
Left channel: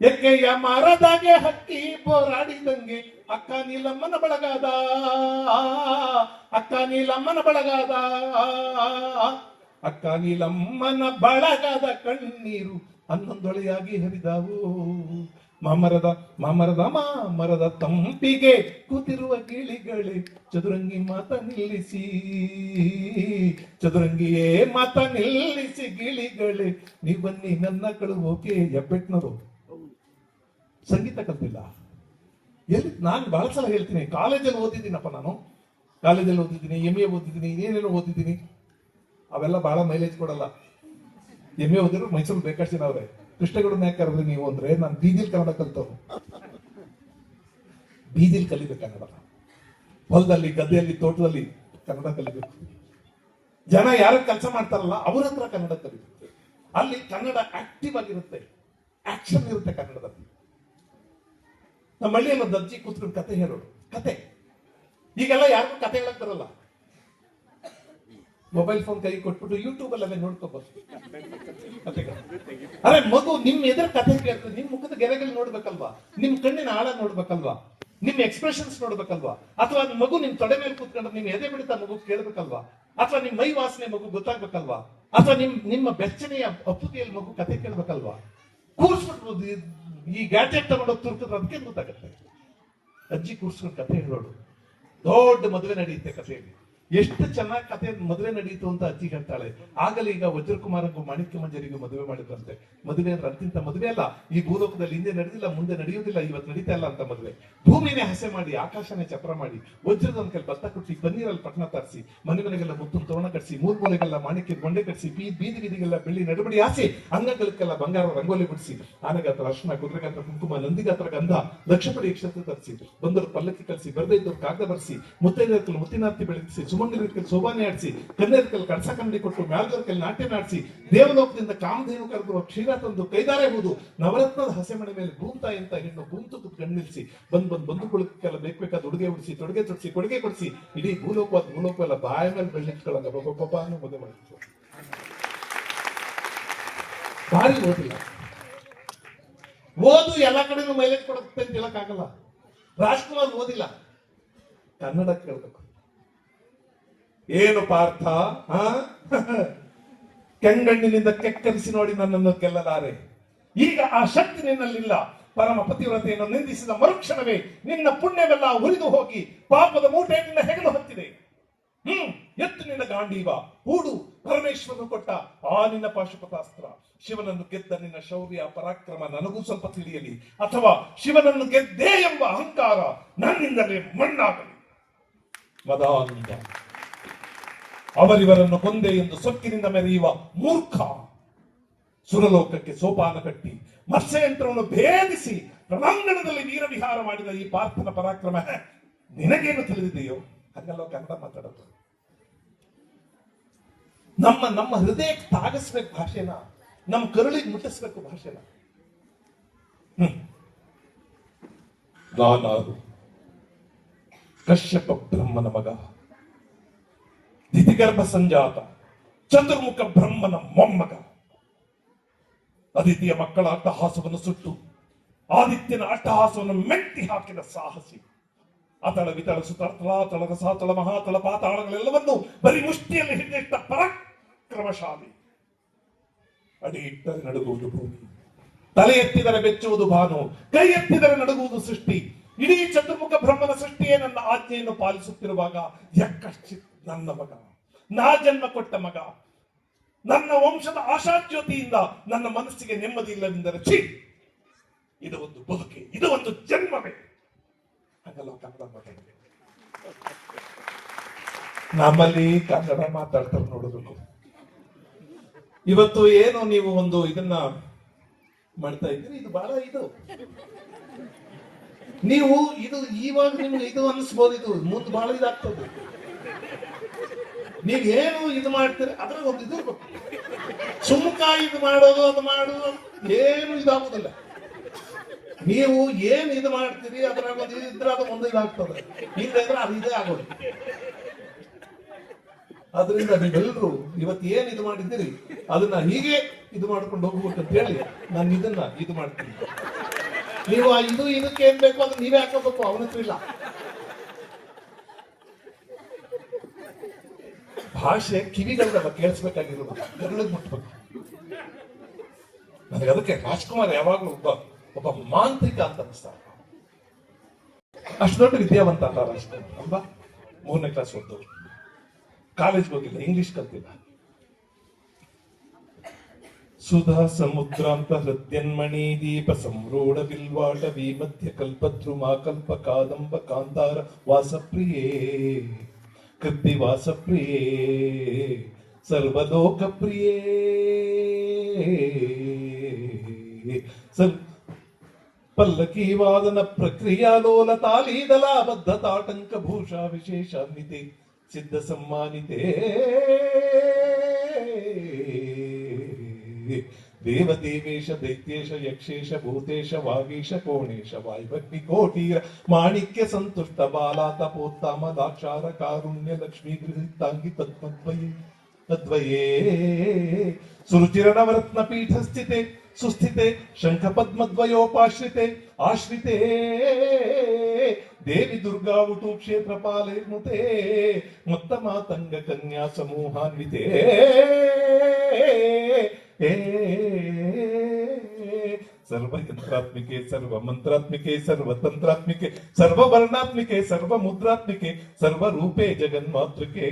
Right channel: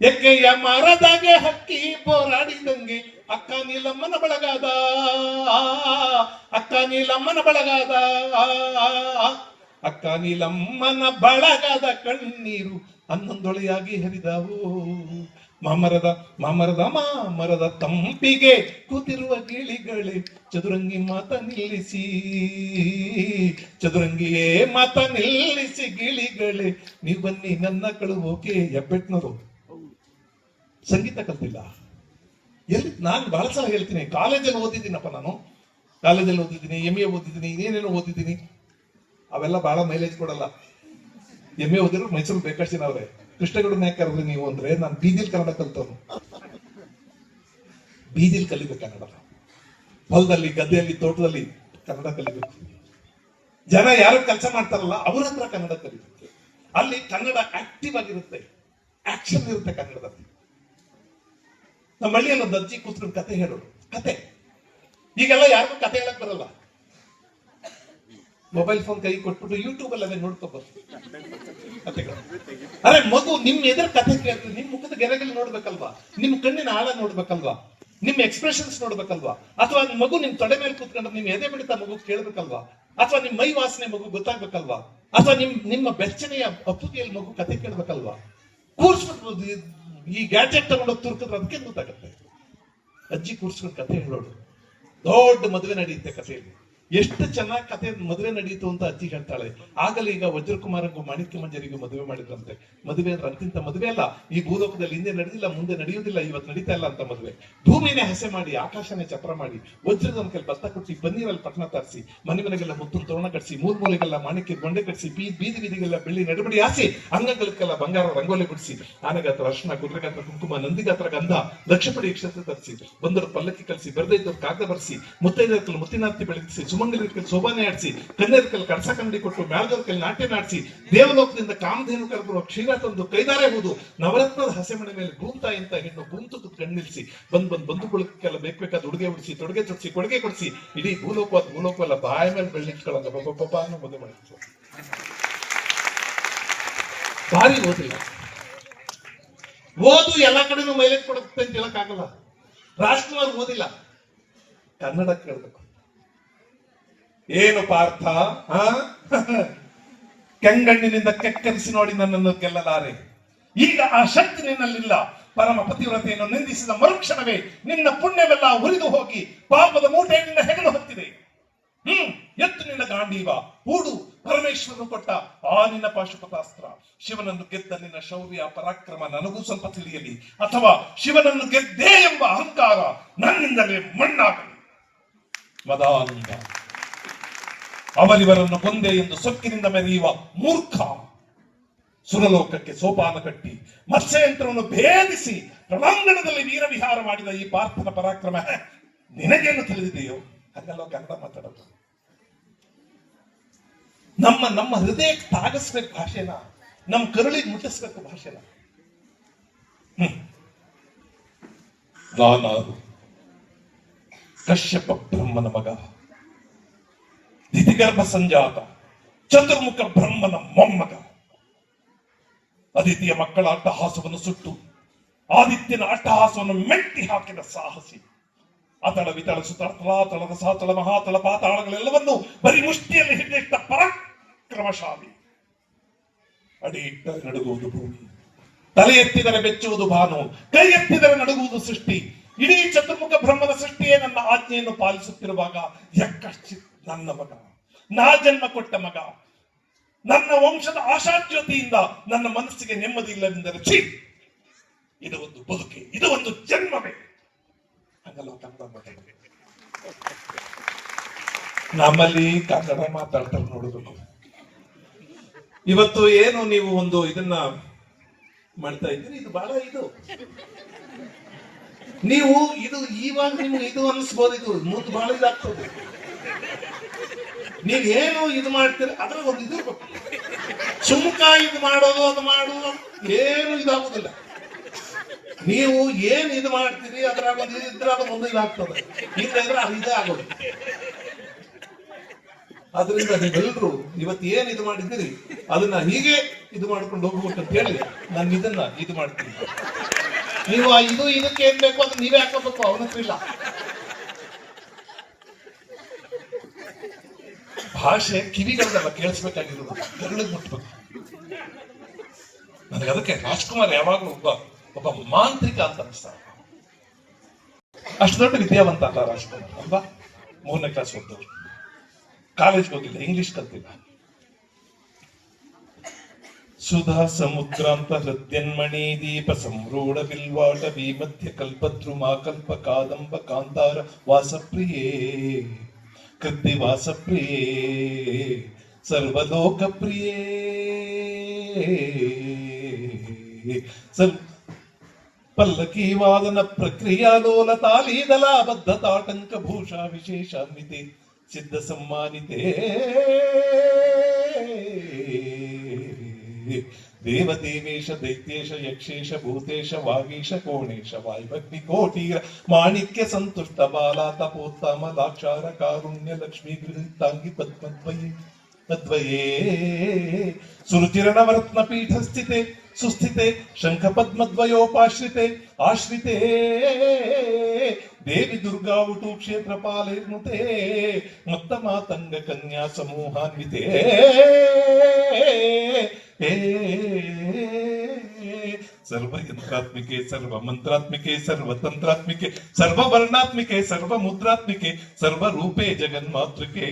ಎಕ್ಕೆಯ ಮರದಾಗೆ ಹಕ್ಕಿ ಹೋರಾಡಿದಂಗೆ ಅಕ್ಕ ನೀಲಮ್ಮನ ಬಳಗಾದ, ಅಕ್ಕ ನೀಲಮ್ಮನ ಬಳಗಾದ, ಅಕ್ಕ ನೀಲಮ್ಮನ ಬಳಗಾದ ಕಣ್ಣೀರು ಹನ್ನೊಂದೊಳೆಯಾಗಿ ಹರಿದವು. ಮಾಮರದ ಮಾಮರದ ಮಾಮರದ ತಂಪಿಗೆ ಕೂತಿರುವ ಗಿಳಿಗಳೇ, ಚದುರಂಗಿ ಮಾತ ನಿಲ್ಲಿಸಿ. ಚದುರಂಗಿಯೇ ಮಾತ ನಿಲ್ಲಿಸಿ ಗಿಳಿಗಳೇ ನೀವು ಬನ್ನಿ ನನ್ನ ಕಳುವೋಕೆ ಹೆಬ್ಬೆಟ್ನರು ಸಂಗೀತ ಕಲ್ತಿಲ್ಲ. ಎಲ್ಲಿ, ನಾನು ಬಹಳ ಸಲ ಹೇಳ್ತೀನಿ, ಕಾಲೇಜಲ್ಲಿ ಓದಿದ್ದೀನಪ್ಪ ನಾನು. ಕಾಲೇಜಲ್ಲಿ ಓದಿದ್ದೀನಿ ಎಂ ಎ ಓದಿದ್ದೀನಿ ಏನೇನು ಓದಿದ್ದೀನಿ. ಅವೆಲ್ಲ ಬಹಳ ಮೈಲೇಜ್ ಕೊಡಲ್ಲ. ಎಂ ಎ ಓದಿದ್ರು ಮೈಸೂರು ಬೇಕಾಡ್ಸಿನ ಅವ್ರೆ. ಕೃಷ್ಣಗೌಡನ ಯಾಕೆ ಕರೆದ್ರಿ ನೀವು ಅಂದ್ರೆ ನಾನು ಬೀದಿಲ್ ಕನ್ನಡ ಕಲ್ತವ್ರು ಬೀದಿಲ್ ಕಲಿಬೇಕು ಕನ್ನಡ. ಹೊಲದಲ್ಲಿ, ಗದ್ದೆಯಲ್ಲಿ, ತೋಟದಲ್ಲಿ ಕನ್ನಡ ಕಲಿಬೇಕು. ಜನ ಯಾರು ಕೆಲಸ ಮಾಡ್ತಾರಲ್ಲ ಅವ್ರ ಹತ್ರ ಕನ್ನಡ ಕಲಿಬೇಕು. ಅಲ್ಲಿ ಕನ್ನಡ ಆಕ್ಟಿವ್ ಆಗಿರುತ್ತೆ. ಆಕ್ಷನ್ ಇರುತ್ತೆ ಕನ್ನಡದಲ್ಲಿ. ನಮ್ಮ ಹಳ್ಳಿಯಲ್ಲಿ ಅಜ್ಜಿ ಕೂತ್ಕೊಂಡು ಕತೆ ಹೇಳೋರು. ಕತೆ. ಈಗೆಲ್ಲ ಯಾರಿಗೂ ಕತೆ ಹೇಳಕ್ ಬರಲ್ಲ. ಮೊಬೈಲ್ ಫೋನ್ ಕೈ ಕೊಟ್ಬಿಟ್ಟು ಯೂಟ್ಯೂಬ್ ಅಲ್ಲಿ ಅದೇ ನೋಡ್ಕೋಬಹುದು ಅರೆ ಮಗು, ನಿಮ್ ಎದುರು ಕಥೆ ಕೇಳ್ತೀವಿ ನಿಮ್ ಮುಖದ ಗೆರೆಗಳು ನೋಡ್ಬೇಕಲ್ವಾ? ನಿಮ್ ಕಣ್ಣಿನ ಆಳ ನೋಡ್ಬೇಕಲ್ವಾ? ನಿಮ್ ಎಕ್ಸ್ಪ್ರೆಷನ್ಸ್ ನೋಡ್ಬೇಕಲ್ವಾ? ಅಥವಾ ಮಗು ನಿಮ್ ತೊಡೆ ಮೇಲೆ ಕೂತ್ಕೊಂಡು ನಿಮ್ ಎದೆ ಬಿಡುತ್ತಾ ಮಗು ಕೇಳ್ಬೇಕಲ್ವಾ? ಅಥವಾ ನಿಮ್ ಮೈ ವಾಸನೆ ಮಗು ಗೊತ್ತಾಗ್ಬೇಕಲ್ವಾ? ಅಥವಾ ನಿಮ್, ನಿಮ್ಮ ಬೆಚ್ಚನೆಯ ಅಪ್ಪುಗೆಯಲ್ಲಿ ಮಗು ಕತೆ ಕೇಳ್ಬೇಕಲ್ವಾ? ಕೂರ್ಸ್ಬಿಟ್ಟು ಈ- ಗ್ಯಾಜೆಟ್ ತಗೊಂಡೋಗಿ ತುರ್ಕಿದ್ರೆ ಅದಕ್ಕೆ ಗೊತ್ತಾಗತ್ತೆ. ಅಜ್ಜಿ ಕೂರ್ಸ್ಕೊಂಡು ಕತೆ ಹೇಳೋಡು ದೊಡ್ಡ ಮದುವೆ ನಡೆಯುತ್ತೆ ಕಥೆಯಲ್ಲಿ ಎಷ್ಟು ಚೆನ್ನಾಗಿ ಕತೆ ಮದುವೆ ನಡೀತು ಅಂತ ಅಜ್ಜಿ ಹೇಳ್ತಾಳೆ. ಆಗಲೇ ಈಗ ವಜ್ರಕುಮಾರಂಗೂ ಮಾಣಿಕ್ಯ ಮಂಜರಿಗೂ ಮದುವೆ ಮಾಡಿದ್ರಂತೆ. ಮದುವೆ ಅಂದ್ರೆ ಅಂತಿಂತ ಮದುವೆ ಅಲ್ಲ. ಈ ಭೂಲೋಕದಲ್ಲಿ ಹಿಂದೆ ನಡೆದಿಲ್ಲ, ಮುಂದೆ ನಡೆಯುವುದಿಲ್ಲ, ಇವತ್ತು ನಡೀತಾ ಇಲ್ಲ ಅಂತ ಮದುವೆ. ಭೂಮಿನೇ ಹಸೆ ಮಾಡಿ, ಆಕಾಶನೇ ಚಪ್ರ ಮಾಡಿ, ವಜ್ರದ ಕೈ ಭತ್ತ ಕೊಟ್ಟಿ ಪನ್ನೀರಲ್ಲಿ ಪಟ್ಟಣ ತರಿಸಿ ಮನೆ ಮನೆಗೆಲ್ಲ ಮುತ್ತು ತೋರಣ ಕಟ್ಸಿ ಮೂರ್ ಮೂಲೆಗೆಲ್ಲ ಮಾಣಿಕ್ಯ ಗೊಂಡೆ ಕಟ್ಸಿ, ಬೀದಿ ಬೀದಿ ಬೀದಿಗೆಲ್ಲ ಬೆಳ್ಳಿ ನಡಬಡಿ ಆಸಿ ಅಂಗಗಳಿಗೆಲ್ಲ ಬಂಗಾರ ರಂಗೋಲಿ ಬಿಡಿಸಿ ನನಗಾತ್ರ ಅರ್ಶನ, ಕುದುರೆಗಾತ್ರ ಕುಂಕುಮ, ನಂದಿಗಾತ್ರ ಗಂಧ ಲಕ್ಷಪಡಿ ಕ್ಷೇತ್ರ ತರಿಸಿ, ಬಂದರು ಪಲ್ಲಕ್ಕಿ ಕಲಿಸಿ ಬರದೇ ಕಾಗದ ಬರೆಸಿ ಮುತ್ತೈದ ಮುತ್ತಿನಾರ್ತಿ ಬೆಳಗಿಸಿ ಸುಮಂಗಲಿರ್ಕಲ್ ಶೋಭಾನೆ ಆಡಿಸಿ ಕನ್ನೇರ್ಕಲ್ ಕರ್ಸ ಕನ್ನಡಿ ಕೊಟ್ಟು ಮ್ಯಾಲ್ದರ್ಕಲ್ ನಾಟ್ಯ ನಾಡಿಸಿ, ದೇವಲೋಕದಿಂದ ಕಾಮಧೇನು ಕರೆದಿರುವ ಕ್ಷೀರ ತಂದು ಕೈದಾರೆ ಹೋದು, ನವರತ್ನದ ಹಸೆಮಣೆ ಮೇಲೆ ಭೂಂತ ಇಂತ ಹೆಣ್ಣು ಭೂಂತು ಕಣ್ಣಿಲ್ಸಿ ಬಂದ್ ಬಂದ್ ಬಂದು ಕುಳಕ್ಕೆಲ್ಲ ಬೇಕಾದ ಉಡುಗೆ ಉಡಿಸಿ, ತೊಡುಗೆ ತೊಡಿಸಿ, ಕೊಡುಗೆ ಕೊಡಿಸಿ, ಇಡೀ ಭೂಲೋಕ ಅದ್ ಭೂಲೋಕ ಎಲ್ಲ ಬಾಯ ಮೇಲೆ ಬೆಳ್ಳಿಟ್ಕೊಳ್ಳಂಗ ಬಬ್ಬ ಅನ್ನೋ ಮದುವೆ ಮಾಡಿತ್ತು ಭಾರಿ ಓದಿಲ್ಲ. ಓದು ಎಲ್ಲ ಕಡೆನೂ ಮೈಲೇಜ್ ಕೊಡುತ್ತೆ ಅಂತ ಹೇಳಕ್ಕಾಗಲ್ಲ. ರಾಜ್ಕುಮಾರ್ ಓದಿಲ್ಲ. ಕನ್ನಡ ಕೇಳ್ಬೇಕು ಏನು ಪಾರ್ಥ? ಕೆಂಗಣ್ಣಿನಿಂದ ಕೆಕ್ಕರಿಸಿ ನೋಡಿ ನನ್ನನ್ನು ಗೆಲ್ಲಲಾರೆ. ಈಗ ಆ ಶಕ್ತಿ ನಿನ್ನಲ್ಲಿಲ್ಲ. ಪರಮ ಪತಿವ್ರತೆಯನ್ನು ನಿಂದಿಸಿದ ಮರುಕ್ಷಣವೇ ನಿನ್ನ ಪುಣ್ಯವೆಲ್ಲ ಉರಿದು ಹೋಗಿ ಪಾಪದ ಮೂಟೆ ನಿನ್ನ ಹೆಗಲು ಹೊತ್ತಿದೆ. ಹ್ಮ್, ಎತ್ತು ನಿನ್ನ ಗಾಂಡೀವ, ಹೂಡು ಪರಮೇಶ್ವರನು ಕೊಟ್ಟ ಆ ನಿನ್ನ ಪಾಶುಪತಾಸ್ತ್ರ. ಶಿವನನ್ನು ಗೆದ್ದ ನಿನ್ನ ಶೌರ್ಯ, ಪರಾಕ್ರಮ ನನಗೂ ಸ್ವಲ್ಪ ತಿಳಿಯಲಿ. ಅಥವಾ ಶಿವನನ್ನು ಗೆದ್ದೆ ಎಂಬ ಅಹಂಕಾರ ನನ್ನಿಂದಲೇ ಮಣ್ಣಾಗಲಿ. ಮದಾನಂದ. ಅವರಿವರನ್ನು ಕೊಂದೆ ಎಂದು ಸೊಕ್ಕಿನಿಂದ ಮೆರೆಯುವ ಮೂರ್ಖ. ಸುರಲೋಕಕ್ಕೆ ಸೋಪಾನ ಕಟ್ಟಿ, ಮತ್ಸ್ಯಯಂತ್ರವನ್ನು ಭೇದಿಸಿ ರಣಾಂಗಣದಲ್ಲಿ ವೀರವಿಹಾರ ಮಾಡಿದ ಈ ಪಾರ್ಥನ ಪರಾಕ್ರಮ ನಿನಗೇನು ತಿಳಿದಿದೆಯೋ? ಅದೆಲ್ಲ ಕನ್ನಡ ಮಾತಾಡೋದು. ನಮ್ಮ ನಮ್ಮ ಹೃದಯಕ್ಕೆ ತಾಗಿಸ್ಬೇಕು ಭಾಷೆನ, ನಮ್ಮ ಕರುಳಿಗೆ ಮುಟ್ಟಿಸ್ಬೇಕು ಭಾಷೆನ. ಹ್ಮ್. ಕಶ್ಯಪ ಬ್ರಹ್ಮನ ಮಗ. ದಿತಿಗರ್ಭ ಸಂಜಾತ ಚತುರ್ಮುಖ ಬ್ರಹ್ಮನ ಮೊಮ್ಮಗ. ಅದಿತಿಯ ಮಕ್ಕಳ ಅಟ್ಟಹಾಸವನ್ನು ಸುಟ್ಟು, ಆದಿತ್ಯನ ಅಟ್ಟಹಾಸವನ್ನು ಮೆಟ್ಟಿ ಹಾಕಿದ ಸಾಹಸಿ. ಅತಳ ವಿತಳ ಸುತಳ ತಲಾತಳದ ಸಾತಳ, ಮಹಾತಳ ಪಾತಾಳಗಳೆಲ್ಲವನ್ನು ಬರೀ ಮುಷ್ಟಿಯಲ್ಲಿ ಹಿಡಿದಿಟ್ಟ ಪರಾಕ್ರಮಶಾಲಿ. ಅಡಿ ಇಟ್ಟರೆ ನಡುಗುವುದು ಭೂಮಿ, ತಲೆ ಎತ್ತಿದರೆ ಬೆಚ್ಚುವುದು ಭಾನು, ಕೈ ಎತ್ತಿದರೆ ನಡುಗುವುದು ಸೃಷ್ಟಿ. ಇಡೀ ಚತುರ್ಮುಖ ಬ್ರಹ್ಮನ ಸೃಷ್ಟಿಯೇ ನನ್ನ ಆಜ್ಞೆಯನ್ನು ಪಾಲಿಸುತ್ತಿರುವಾಗ ಯಕ್ಕಶ್ಚಿತ್ ನನ್ನ ಮಗ. ನಾ ಜನ್ಮ ಕೊಟ್ಟ ಮಗ. ನನ್ನ ವಂಶದ ಆಶಾಜ್ಯೋತಿಯಿಂದ ನನ್ನ ಮನಸ್ಸಿಗೆ ನೆಮ್ಮದಿ ಇಲ್ಲವೆಂದರೆ ಛೀ! ಇದು ಒಂದು ಬದುಕೆ, ಇದು ಒಂದು ಜನ್ಮವೇ. ಹಂಗಲ್ಲ ಕನ್ನಡ ಮಾತಾಡ್ಬೇಕು ನಮ್ಮಲ್ಲಿ ಕನ್ನಡ ಮಾತಾಡ್ತಾರೆ ನೋಡಬೇಕು. ಇವತ್ತು ಏನು ನೀವು ಒಂದು ಇದನ್ನ ಮಾಡ್ತಾ ಇದ್ದೀರಿ? ಇದು ಬಹಳ ಇದು. ನೀವು ಇದು ಇವಾಗ ನಿಮ್ಗೆ ಇದು ಅನ್ಸ್ಬೋದು ಇದು ಮುಂದೆ ಬಹಳ ಇದಾಗ್ತದೆ. ನೀವೇನು ಇದು ಮಾಡ್ತೀರಿ? ಅದ್ರ ಒಂದು ಇದು. ಸುಮ್ಕ ಇದು ಮಾಡೋದು, ಅದು ಮಾಡೋದು ಏನು ಇದಾಗುದಿಲ್ಲ. ನೀವು ಏನ್ ಇದು ಮಾಡ್ತೀರಿ ಅದ್ರಾಗ ಒಂದು ಇದು ಇದ್ರೆ ಅದು ಒಂದು ಇದಾಗ್ತದೆ. ಇಲ್ಲದ್ರೆ ಅದು ಇದೇ ಆಗೋದು. ಅದರಿಂದ ನೀವೆಲ್ಲರೂ ಇವತ್ತು ಏನ್ ಇದು ಮಾಡಿದ್ದೀರಿ, ಅದನ್ನ ಹೀಗೆ ಇದು ಮಾಡ್ಕೊಂಡು ಹೋಗ್ಬೇಕು ಅಂತ ಹೇಳಿ ನಾನು ಇದನ್ನ ಇದು ಮಾಡ್ತೀನಿ. ನೀವು ಇದು ಇದಕ್ಕೆ ಏನ್ ಬೇಕು ಅದನ್ನ ನೀವೇ ಹಾಕೋಬೇಕು, ಅವನತ್ರ ಇಲ್ಲ. ಭಾಷೆ ಕಿವಿಗಳನ್ನ ಕೇಳಿಸ್ಬೇಕಾಗಿರೋದು. ಗರುಳಿಗೆ ಮುಟ್ಬೇಕು ನನಗೆ ಅದಕ್ಕೆ ರಾಜ್ಕುಮಾರ್ ಯಾವಾಗಲೂ ಒಬ್ಬ ಒಬ್ಬ ಮಾಂತ್ರಿಕ ಅಂತ ಅನಿಸ್ತಾರೆ ಅಷ್ಟು ದೊಡ್ಡ ವಿದ್ಯಾವಂತ ಅಲ್ಲ ರಾಜ್ಕುಮಾರ್, ಅಲ್ವಾ? ಮೂರನೇ ಕ್ಲಾಸ್ ಓದ್ದವರು. ಕಾಲೇಜ್ಗೆ ಹೋಗಿಲ್ಲ ಇಂಗ್ಲಿಷ್ ಕಲ್ತಿಲ್ಲ. ಸುಧಾ ಸಮುದ್ರಾಂತ ಹೃದ್ಯನ್ಮಣಿ ದೀಪ ಸಂರೂಢ ಬಿಲ್ವಾಟ ಮಧ್ಯ ಕಲ್ಪದ್ರುಮಾ ಕಲ್ಪ ಕಾದಂಬ ಕಾಂತಾರ ವಾಸಪ್ರಿಯೇ. ಕೃತಿ ವಾಸಪ್ರಿಯೇ ಸರ್ವಲೋಕ ಪ್ರಿಯೇ ಸರ್ ಪಲ್ಲಕಿ ವಾದನ ಪ್ರಕ್ರಿಯಾಲೋಲ ತಾಲೀದಲಾಬದ್ಧ ತಾಟಂಕ ಭೂಷಾ ವಿಶೇಷಾನ್ವಿತೆ ಸಿದ್ಧ ಸಮ್ಮಾನಿತೆ. ದೇವದೇವೇಶ, ದೈತ್ಯೇಶ, ಯಕ್ಷೇಶ, ಭೂತೇಶ, ವಾಗೀಶ, ಕೋಣೇಶ ವಾಯುಭಕ್ತಿ ಕೋಟೀರ, ಮಾಣಿಕ್ಯ ಸಂತುಷ್ಟ, ಬಾಲ, ತಪೋತ್ತಮ, ದಾಕ್ಷಾರ, ಕಾರುಣ್ಯ, ಲಕ್ಷ್ಮೀ, ಗೃಹಿತಾಂಗಿ, ಪದ್ಮದ್ವಯೇ, ತದ್ವಯೇ. ಸುರುಚಿರಣವರತ್ನ ಪೀಠ ಸ್ಥಿತೆ ಸುಸ್ಥಿತೆ ಶಂಖ ಪದ್ಮದ್ವಯೋಪಾಶ್ರಿತೆ ಆಶ್ರಿತೆ. ದೇವಿ ದುರ್ಗಾ ಉಟು ಕ್ಷೇತ್ರ ಪಾಲೇರ್ನುತೆ ಮತ್ತ ಮಾತಂಗ ಕನ್ಯಾ ಸಮೂಹಾನ್ವಿತೆ. सर्व यंत्रात्मिके, सर्व मंत्रात्मिके, सर्व तंत्रात्मिके, सर्व वर्णात्मिके, सर्व मुद्रात्मिके, सर्व रूपे जगन्मातृके।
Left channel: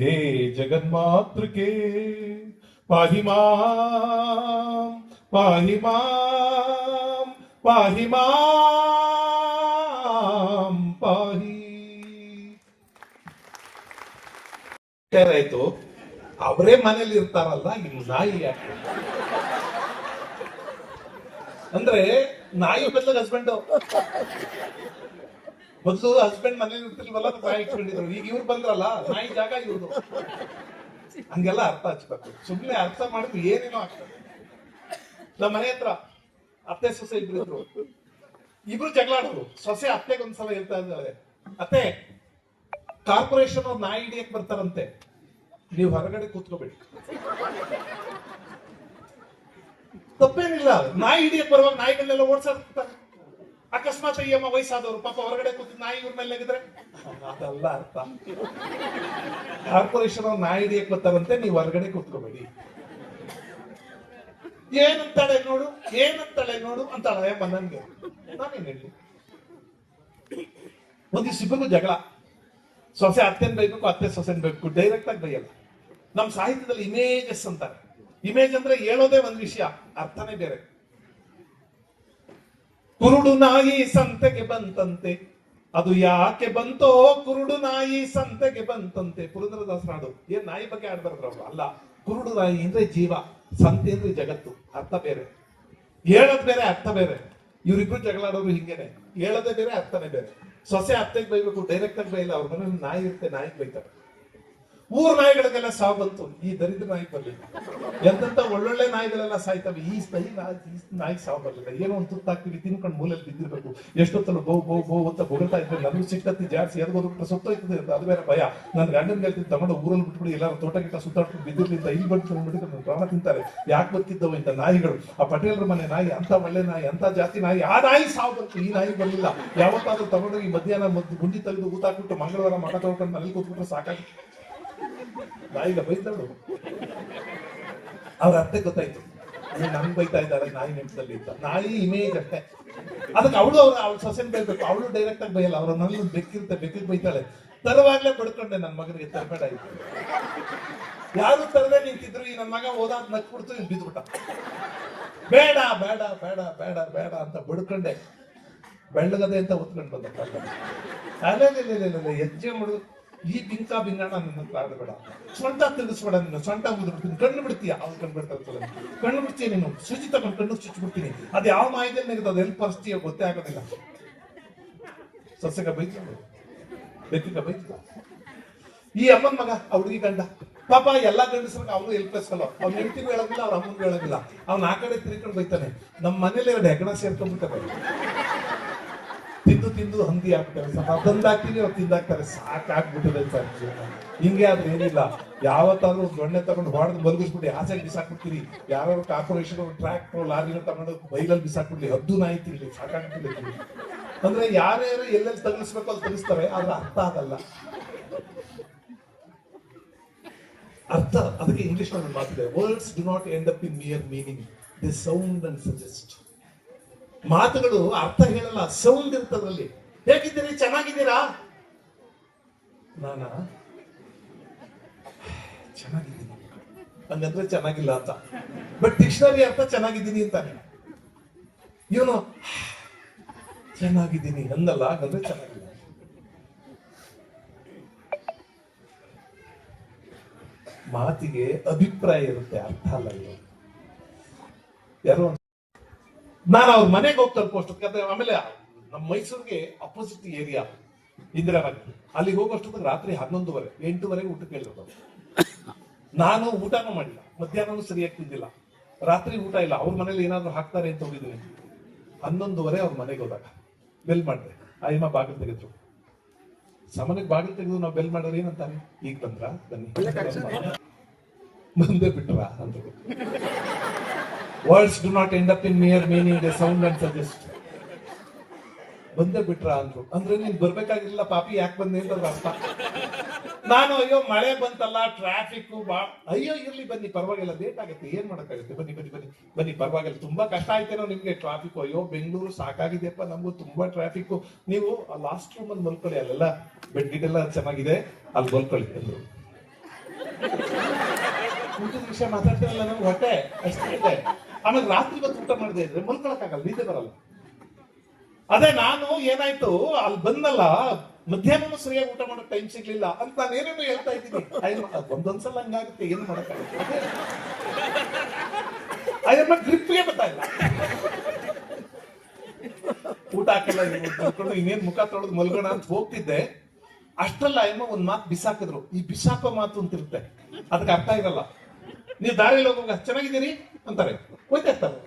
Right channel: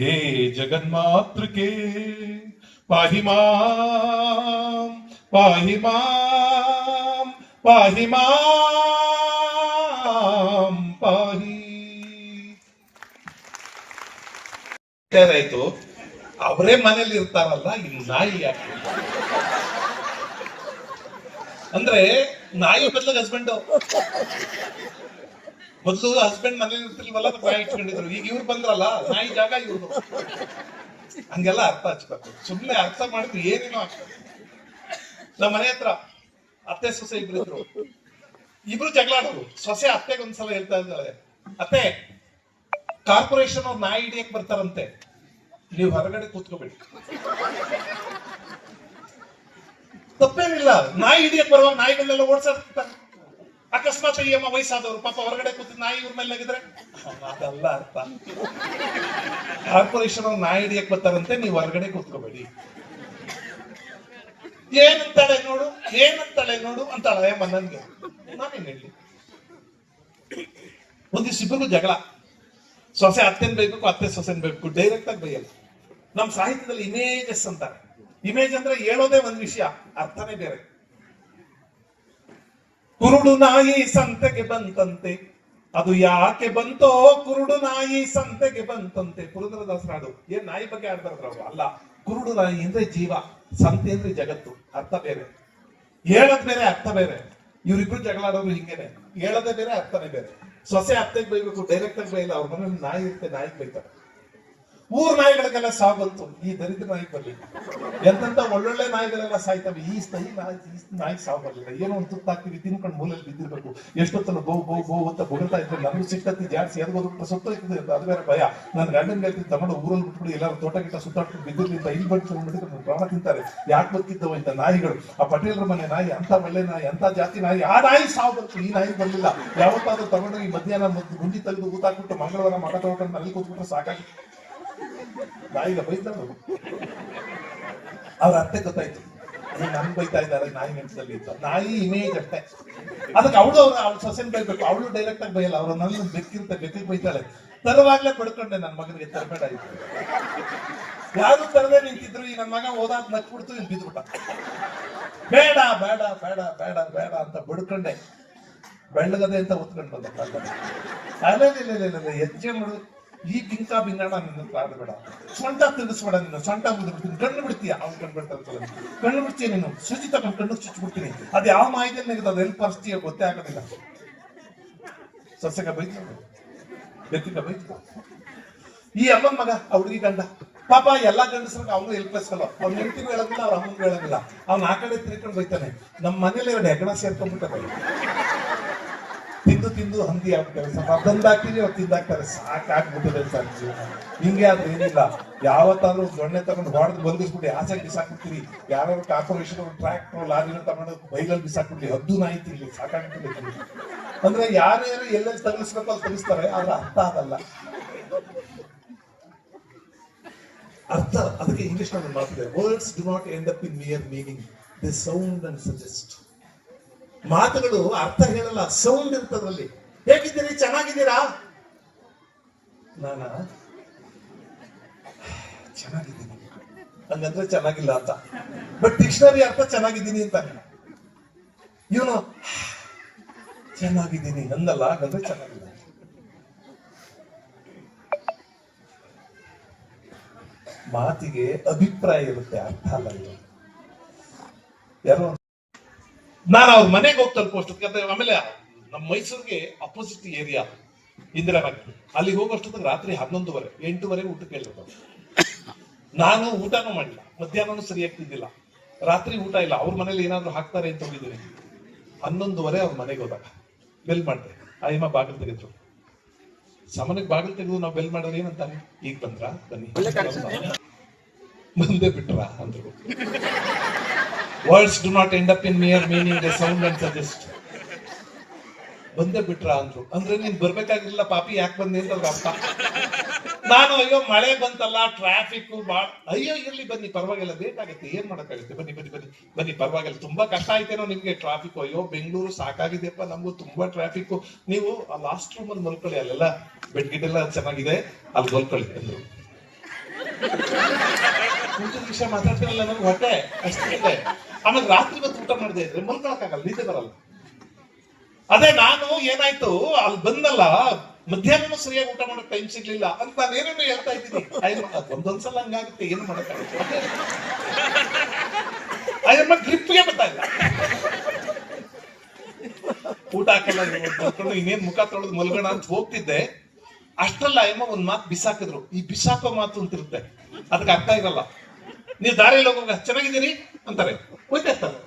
हे जगन्मातृके, पाहि माँ पाहि माँ पाहि माँ रहे तो ಅವರೇ ಮನೇಲಿ ಇರ್ತಾರಲ್ಲ ಇನ್ನು ನಾಯಿ ಯಾಕೆ? ಅಂದ್ರೆ ನಾಯಿ ಬದಲಾಗ ಹಸ್ಬೆಂಡ್ ಮೊದಲು ಹಸ್ಬೆಂಡ್ ಮನೇಲಿ ಇರ್ತಿಲ್ವಲ್ಲ ಬಾಯ್ ಇಟ್ಕೊಂಡಿದ್ರು. ಈಗ ಇವ್ರು ಬಂದ್ರಲ್ಲ, ನಾಯಿ ಜಾಗ ಇವ್ರದು. ಹಂಗೆಲ್ಲ ಅರ್ಥ ಹಚ್ಬೇಕು ಸುಮ್ಮನೆ ಅರ್ಥ ಮಾಡಿದ್ರೆ ಏನೇನೋ ಆಗ್ತದೆ. ನಮ್ಮ ಮನೆ ಹತ್ರ ಅತ್ತೆ, ಸೊಸೆ ಇಬ್ರು ಇದ್ರು. ಇಬ್ರು ಜಗಳ ಆಡೋರು. ಸೊಸೆ ಅತ್ತೆಗೆ ಒಂದ್ಸಲ ಹೇಳ್ತಾ ಇದ್ದಾಳೆ, ಅತ್ತೆ ಕಾರ್ಪೊರೇಷನ್ ಅವ್ರು ನಾಯಿ ಹಿಡಿಯಕ್ ಬರ್ತಾರಂತೆ. ನೀವು ಹೊರಗಡೆ ಕೂತ್ಕೋಬೇಡಿ ತಪ್ಪೇನಿಲ್ಲ. ನಾಯಿ ಹಿಡಿಯಕ್ ಬರುವ ನಾಯಿಗಳನ್ನೆಲ್ಲ ಓಡಿಸ್ತಾರೆ ಅಕಸ್ಮಾತ್ ಈ ಅಮ್ಮ ವಯಸ್ಸಾದವರು, ಪಾಪ ಹೊರಗಡೆ ಕೂತು ನಾಯಿ ಇವ್ರ ಮೇಲೆ ಆಗಿದ್ರೆ? ಅದಲ್ಲ ಅರ್ಥ. ಕಾರ್ಪೊರೇಷನ್ ಅವ್ರು ನಾಯಿ ಹಿಡಿಯಕ್ ಬರ್ತಾರಂತೆ, ನೀವು ಹೊರಗಡೆ ಕೂತ್ಕೋಬೇಡಿ. ಏನಂತಾಳೆ ನೋಡು ಏನಂತಾಳೆ ನೋಡು ಅಂತಾಳೆ ಅಮ್ಮ ನನ್ಗೆ. ನಾನೇನ್ ಹೇಳಿ? ಇಬ್ಬರಿಗೂ ಜಗಳ. ಸೊಸೆ ಅತ್ತೆನ್ ಬೈಬೇಕು, ಅತ್ತೆ ಸೊಸೆನ್ ಬೈಬೇಕು ಡೈರೆಕ್ಟ್ ಆಗಿ ಬೈಯಲ್ಲ. ನಮ್ ಸಾಹಿತ್ಯದಲ್ಲಿ ಇಮೇಜಸ್ ಅಂತಾರೆ. ಇಮೇಜ್ ಅಂದ್ರೆ ಹೇಳೋದೇ ಒಂದ್ ವಿಷಯ, ಅರ್ಥನೇ ಬೇರೆ. ಕುರುಡು ನಾಯಿ ಸಂತೆಗೆ ಬಂತಂತೆ. ಅದು ಯಾಕೆ ಬಂತೋ, ಕುರುಡು ನಾಯಿ ಸಂತೆಗೆ ಬಂತಂತೆ. ಪುರಂದರದಾಸರ ಹಾಡು. ಏನ್ ನಾಯಿ ಬಗ್ಗೆ ಆಡ್ಬಾರ್ದ್ರ ಅಲ್ಲ, ಕುರುಡು ನಾಯಿ ಅಂದ್ರೆ ಜೀವ, ಸಂತೆ ಅಂದ್ರೆ ಜಗತ್ತು, ಅರ್ಥ ಬೇರೆ. ಹೇಳದ್ ಬೇರೆ, ಅರ್ಥ ಬೇರೆ. ಇವ್ರಿಬ್ರು ಜಗಳ ಆಡೋರು ಹಿಂಗೇನೆ. ಹೇಳೋದೇ ಬೇರೆ, ಅರ್ಥನೇ ಬೇರೆ. ಸೊಸೆ ಅತ್ತೆಗೆ ಬೈಬೇಕು ಡೈರೆಕ್ಟ್ ಆಗಿ ಬೈಲ್ಲ ಅವ್ರ ಮನೇಲಿ ನಾಯಿ ಇರುತ್ತೆ ನಾಯಿಗೆ ಬೈತಾರೆ. ಊರ್ ನಾಯಿಗಳಿಗೆಲ್ಲ ಸಾವು ಬಂತು. ಈ ದರಿದ್ರ ನಾಯಿ ಬರಲಿಲ್ಲ ಎಂತ ಒಳ್ಳೊಳ್ಳೆ ನಾಯಿಗಳೆಲ್ಲ ಸಾಯ್ತವೆ. ಈ ಸ್ಥಾಯಿ ನಾಯಿ ನಾಯಿ ಸಾವು ಬರ್ಲಿಲ್ಲ. ಏನೋ ಒಂದು ತುತ್ತಾಕ್ತಿವಿ ತಿನ್ಕೊಂಡು ಮೂಲೆಯಲ್ಲಿ ಬಿದ್ದಿರ್ಬೇಕು. ಎಷ್ಟೊತ್ತಲ್ಲ ಬೋ ಬೋ ಬೋ ಅಂತ ಬೊಗಳ್ತಾ ಇದ್ರೆ ನನಗೂ ಸಿಕ್ಕತ್ತಿ ಜಾಡ್ಸಿ ಯಾರಿಗೋದ್ರು ಸುತ್ತೋಯ್ತದೆ ಅಂತ ಅದು ಬೇರೆ ಭಯ. ನನ್ನ ಗಂಡನ ಹೇಳ್ತೀನಿ ತಗೊಂಡು ಊರಲ್ಲಿ ಬಿಟ್ಬಿಡಿ, ಎಲ್ಲರೂ ತೋಟ ಗಿಟ್ಟ ಸುತ್ತಾಡ್ಕೊಂಡು ಬಿದ್ದಿರ್ಲಿಂದ ಇಲ್ಲಿ ಬಂದು ಬಿಟ್ಟಿದ್ರೆ ಪ್ರಾಣ ತಿಂತಾರೆ. ಯಾಕೆ ಬರ್ತಿದ್ದವ ಇಂಥ ನಾಯಿಗಳು? ಆ ಪಟೇಲರ ಮನೆ ನಾಯಿ ಅಂತ ಒಳ್ಳೆ ನಾಯಿ ಅಂತ ಜಾತಿ ನಾಯಿ, ಆ ನಾಯಿ ಸಾವು ಈ ನಾಯಿ ಬರಲಿಲ್ಲ. ಯಾವತ್ತಾದ್ರೂ ತಗೊಂಡು ಈ ಮಧ್ಯಾಹ್ನ ಗುಂಡಿ ತೆಗೆದು ಊತಾಕ್ಬಿಟ್ಟು ಮಂಗಳವಾರ ತಗೊಂಡು ಅಲ್ಲಿ ಕೂತ್ಬಿಟ್ರೆ ಸಾಕಾಗಿ. ನಾಯಿಗ ಬೈತಾಳು ಅವ್ರ ಅರ್ಥ ಗೊತ್ತಾಯ್ತು. ನಮ್ ಬೈತಾ ಇದ್ದಾರೆ ನಾಯಿ ನೆನ್ಸಲ್ಲಿ ಅಂತ. ನಾಯಿ ಇಮೇಜ್ ಅಷ್ಟೇ. ಅದಕ್ಕೆ ಅವಳು ಅವ್ರ ಅವ್ಳ ಸೊಸೆನ್ ಬೈಬೇಕು. ಅವಳು ಡೈರೆಕ್ಟ್ ಆಗಿ ಬೈಯಲ್ಲ. ಅವ್ರ ನನ್ನ ಬೆಕ್ಕಿಂತ ಬೆಕ್ಕಿಗೆ ಬೈತಾಳೆ. ತರವಾಗ್ಲೇ ಬಿಡ್ಕೊಂಡೆ ನನ್ನ ಮಗನಿಗೆ, ತರಬೇಡ ಆಯ್ತು ಯಾರು ತರದೇ ನಿಂತಿದ್ರು, ಈ ನನ್ನ ಮಗ ಓದಾದ್ ನಕ್ಬಿಡ್ತು, ಇಲ್ಲಿ ಬಿದ್ಬಿಟ್ಟ. ಬೇಡ ಬೇಡ ಬೇಡ ಬೇಡ ಬೇಡ ಅಂತ ಬಿಡ್ಕೊಂಡೆ. ಬೆಳ್ಳಗದೆ ಅಂತ ಉತ್ಕೊಂಡು ಬಂದ. ಇಲ್ಲ ಹೆಜ್ಜೆ ಮಾಡು ಈ ಗಿಂಕ ಬಿಂಗಣ ನಿನ್ನ ಆಡಬೇಡ ಸೊಂಟ ತಿರುಗಿಸ್ಬೇಡ ನೀನು. ಸೊಂಟ ಮುಗಿದ್ಬಿಡ್ತೀನಿ ಕಣ್ಣು ಬಿಡ್ತೀಯ? ಅವ್ನು ಕಣ್ಣು ಬಿಡ್ತಾರೆ ಕಣ್ಣು ಬಿಡ್ತೀಯ ನೀನು? ಸುಜಿ ತಗೊಂಡು ಕಣ್ಣು ಚುಚ್ಚಿಬಿಡ್ತೀನಿ ಅದು ಯಾವ ಮಾಹಿತಿಯಲ್ಲಿ ನಿನಗೆ ಅದು ಎಲ್ಲಿ ಪರಿಸ್ಥಿತಿಯ ಗೊತ್ತೇ ಆಗೋದಿಲ್ಲ. ಸಸ್ಯಕ ಬೈತು? ಬೆಕ್ಕಿಗ ಬೈತು? ಈ ಅಮ್ಮನ ಮಗ ಹುಡುಗಿ ಗಂಡ. ಪಾಪ ಎಲ್ಲಾ ಗಂಡಸ್ರಿಗೆ ಅವನು ಎಲ್ಪಿಸ್ಕಲ್ಲ ಅವ್ನ ಹೆಂಡತಿಗೂ ಹೇಳೋದಿಲ್ಲ, ಅವ್ರ ಅಮ್ಮನಿಗೂ ಹೇಳೋದಿಲ್ಲ. ಅವ್ನ ಆ ಕಡೆ ತಿರ್ಕೊಂಡು ಬೈತಾನೆ. ನಮ್ಮ ಮನೇಲಿ ಎರಡು ಹೆಗಣ ಸೇರ್ಕೊಂಡ್ಬಿಟ್ಟಾರೆ. ತಿಂದು ತಿಂದು ಹಂದಿ ಆಗ್ತಾರೆ ಸರ್. ಅದೊಂದು ಹಾಕ್ತೀನಿ ಅವ್ರು ತಿಂದಾಕ್ತಾರೆ ಸಾಕಾಗ್ಬಿಟ್ಟಿದೆ ಸರ್ ಹಿಂಗೆ ಆದ್ರೆ ಏನಿಲ್ಲ. ಯಾವತ್ತಾದ್ರೂ ದೊಣ್ಣೆ ತಗೊಂಡು ಹೊಡೆದು ಮಲಗಿಸ್ಬಿಟ್ಟು ಆಸೆ ಬಿಸಾಕ್ಬಿಡ್ತೀರಿ. ಯಾರು ಕಾರ್ಪೊರೇಷನ್ ಟ್ರ್ಯಾಕ್ಟರ್ ಲಾರಿನ ತಗೊಂಡು ಬೈಲಲ್ಲಿ ಬಿಸಾಕ್ಬಿಡ್ಲಿ ಹದ್ದು ನಾಯಿ ತಿರ್ಲಿ ಸಾಕಾಗ್ಬಿಟ್ಟಿದೆ ಅಂದ್ರೆ ಯಾರ್ಯಾರು ಎಲ್ಲೆಲ್ಲಿ ತಗಿಸ್ಬೇಕು ಅಲ್ಲಿ ತಗಿಸ್ತಾರೆ. ಆದ್ರೆ ಅರ್ಥ ಆಗಲ್ಲ. ಅರ್ಥ, ಅದಕ್ಕೆ ಇಂಗ್ಲಿಷ್ನಲ್ಲಿ words do not end up in near meaning the sound and suggest ಮಾತುಗಳು ಅರ್ಥ ಹೇಳಲ್ಲ ಸೌಂಡ್ ಇರ್ತದಲ್ಲಿ ಹೇಗಿದ್ದೀರಿ? ಚೆನ್ನಾಗಿದ್ದೀರಾ? ನಾನ? ಚೆನ್ನಾಗಿದ್ದೀನಿ. ಹಂಗಂದ್ರೆ ಚೆನ್ನಾಗಿಲ್ಲ ಅಂತ. ಬಟ್ ಡಿಕ್ಷನರಿ ಅರ್ಥ ಚೆನ್ನಾಗಿದ್ದೀನಿ ಅಂತ. ಇವನು ಚೆನ್ನಾಗಿದ್ದೀನಿ ಅಂದಲ್ಲ, ಹಾಗಂದ್ರೆ ಚೆನ್ನಾಗಿದ್ದೀನಿ ಮಾತಿಗೆ ಅಭಿಪ್ರಾಯ ಇರುತ್ತೆ, ಅರ್ಥ ಅಲ್ಲ ಯಾರೋ ನಾನು ಅವ್ರ ಮನೆಗೆ ಹೋಗಿ ತಲುಪೋಷ್ಟೊತ್ತಿಗೆ ಆಮೇಲೆ ನಮ್ಮ ಮೈಸೂರಿಗೆ ಅಪೋಸಿಟ್ ಏರಿಯಾ ಇಂದಿರಾನಗರ್ ಅಲ್ಲಿಗೆ ಹೋಗೋಷ್ಟೊತ್ತಿಗೆ ರಾತ್ರಿ ಹನ್ನೊಂದುವರೆ ಎಂಟೂವರೆಗೆ ಊಟಕ್ಕೆ ಹೇಳ್ಬೇಕು ನಾನು ಊಟನೂ ಮಾಡಿಲ್ಲ ಮಧ್ಯಾಹ್ನನೂ ಸರಿಯಾಗಿ ತಿಂದಿಲ್ಲ. ರಾತ್ರಿ ಊಟ ಇಲ್ಲ ಅವ್ರ ಮನೇಲಿ ಏನಾದ್ರು ಹಾಕ್ತಾರೆ ಅಂತ ಹೋಗಿದ್ದೀನಿ. ಹನ್ನೊಂದುವರೆ ಅವ್ರ ಮನೆಗೆ ಹೋದಾಗ ಬೆಲ್ ಮಾಡಿದೆ. ಆಯಮ್ಮ ಬಾಗಿಲು ತೆಗೆದ್ರು. ಸಾಮಾನ್ಯಕ್ಕೆ ಬಾಗಿಲು ತೆಗೆದು ನಾವು ಬೆಲ್ ಮಾಡೋರು ಏನಂತಾರೆ? ಈಗ ಬಂದ್ರ? ಬನ್ನಿ. ಮುಂದೆ ಬಿಟ್ರ? ಅಂದ್ರು. Words do not end up in mere meaning the sound and suggest ಬಂದೇ ಬಿಟ್ರ ಅಂದ್ರು. ಅಂದ್ರೆ ನೀನ್ ಬರ್ಬೇಕಾಗಿರ್ಲಿಲ್ಲ, ಪಾಪಿ ಯಾಕೆ ಬಂದಿ ಅಂತ ಅರ್ಥ. ನಾನು ಅಯ್ಯೋ, ಮಳೆ ಬಂತಲ್ಲ ಟ್ರಾಫಿಕ್ ಬಾ ಅಯ್ಯೋ, ಇರ್ಲಿ ಬನ್ನಿ, ಪರವಾಗಿಲ್ಲ ಬೇಕಾಗುತ್ತೆ ಏನ್ ಮಾಡಕ್ಕಾಗುತ್ತೆ? ಬನ್ನಿ ಬನ್ನಿ ಬನ್ನಿ ಬನ್ನಿ, ಪರವಾಗಿಲ್ಲ, ತುಂಬಾ ಕಷ್ಟ ಆಯ್ತೇನೋ ನಿಮ್ಗೆ ಟ್ರಾಫಿಕ್ ಅಯ್ಯೋ, ಬೆಂಗಳೂರು ಸಾಕಾಗಿದೆಯಪ್ಪ, ನಮಗೂ ತುಂಬಾ ಟ್ರಾಫಿಕ್ ನೀವು ಆ ಲಾಸ್ಟ್ ರೂಮ್ ಅಲ್ಲಿ ಮಲ್ಕೊಳ್ಳಿ, ಅಲ್ಲೆಲ್ಲ ಬೆಡ್ ಚೆನ್ನಾಗಿದೆ ಅಲ್ಲಿ ಮಲ್ಕೊಳ್ಳಿ ಅಂದ್ರು. ಮಾತಾಡ್ತಿರಲ್ಲ ನಮ್ಗೆ ಹೊಟ್ಟೆ, ಅಷ್ಟೇ ಆಮೇಲೆ ರಾತ್ರಿ ಬಂದು ಊಟ ಮಾಡಿದೆ ಇದ್ರೆ ಮಲ್ಕೊಳಕ್ಕಾಗಲ್ಲ ನಿದ್ದೆ ಬರಲ್ಲ. ಅದೇ ನಾನು ಏನಾಯ್ತು, ಅಲ್ಲಿ ಬಂದಲ್ಲ ಮಧ್ಯಾಹ್ನ ಸರಿಯಾಗಿ ಊಟ ಮಾಡಕ್ ಟೈಮ್ ಸಿಗ್ಲಿಲ್ಲ ಅಂತ ನಾನು ಏನೇನೋ ಹೇಳ್ತಾ ಇದ್ದೀನಿ. ಒಂದೊಂದ್ಸಲ ಹಂಗಾಗುತ್ತೆ, ಏನು ಮಾಡಕ್ ಅಯ್ಯಮ್ಮ ಗ್ರಿಪ್ಗೆ ಗೊತ್ತಾಗಿಲ್ಲ ಊಟ ಹಾಕಲ್ಲ ಇನ್ನೇನ್ ಮುಖ ತೊಳೆದು ಮಲ್ಗೋಣ ಅಂತ ಹೋಗ್ತಿದ್ದೆ. ಅಷ್ಟಲ್ಲ ಅಯ್ಯಮ್ಮ ಒಂದ್ ಮಾತು ಬಿಸಾಕಿದ್ರು. ಈ ಬಿಸಾಕೋ ಮಾತು ಅಂತಿರುತ್ತೆ. ಅದಕ್ಕೆ ಅರ್ಥ ಇರಲ್ಲ. ನೀವು ದಾರಿಯಲ್ಲಿ ಹೋಗುವಾಗ ಚೆನ್ನಾಗಿದ್ದೀರಿ? ಅಂತಾರೆ. ಹೋಯ್ತಾ ಇರ್ತಾರೆ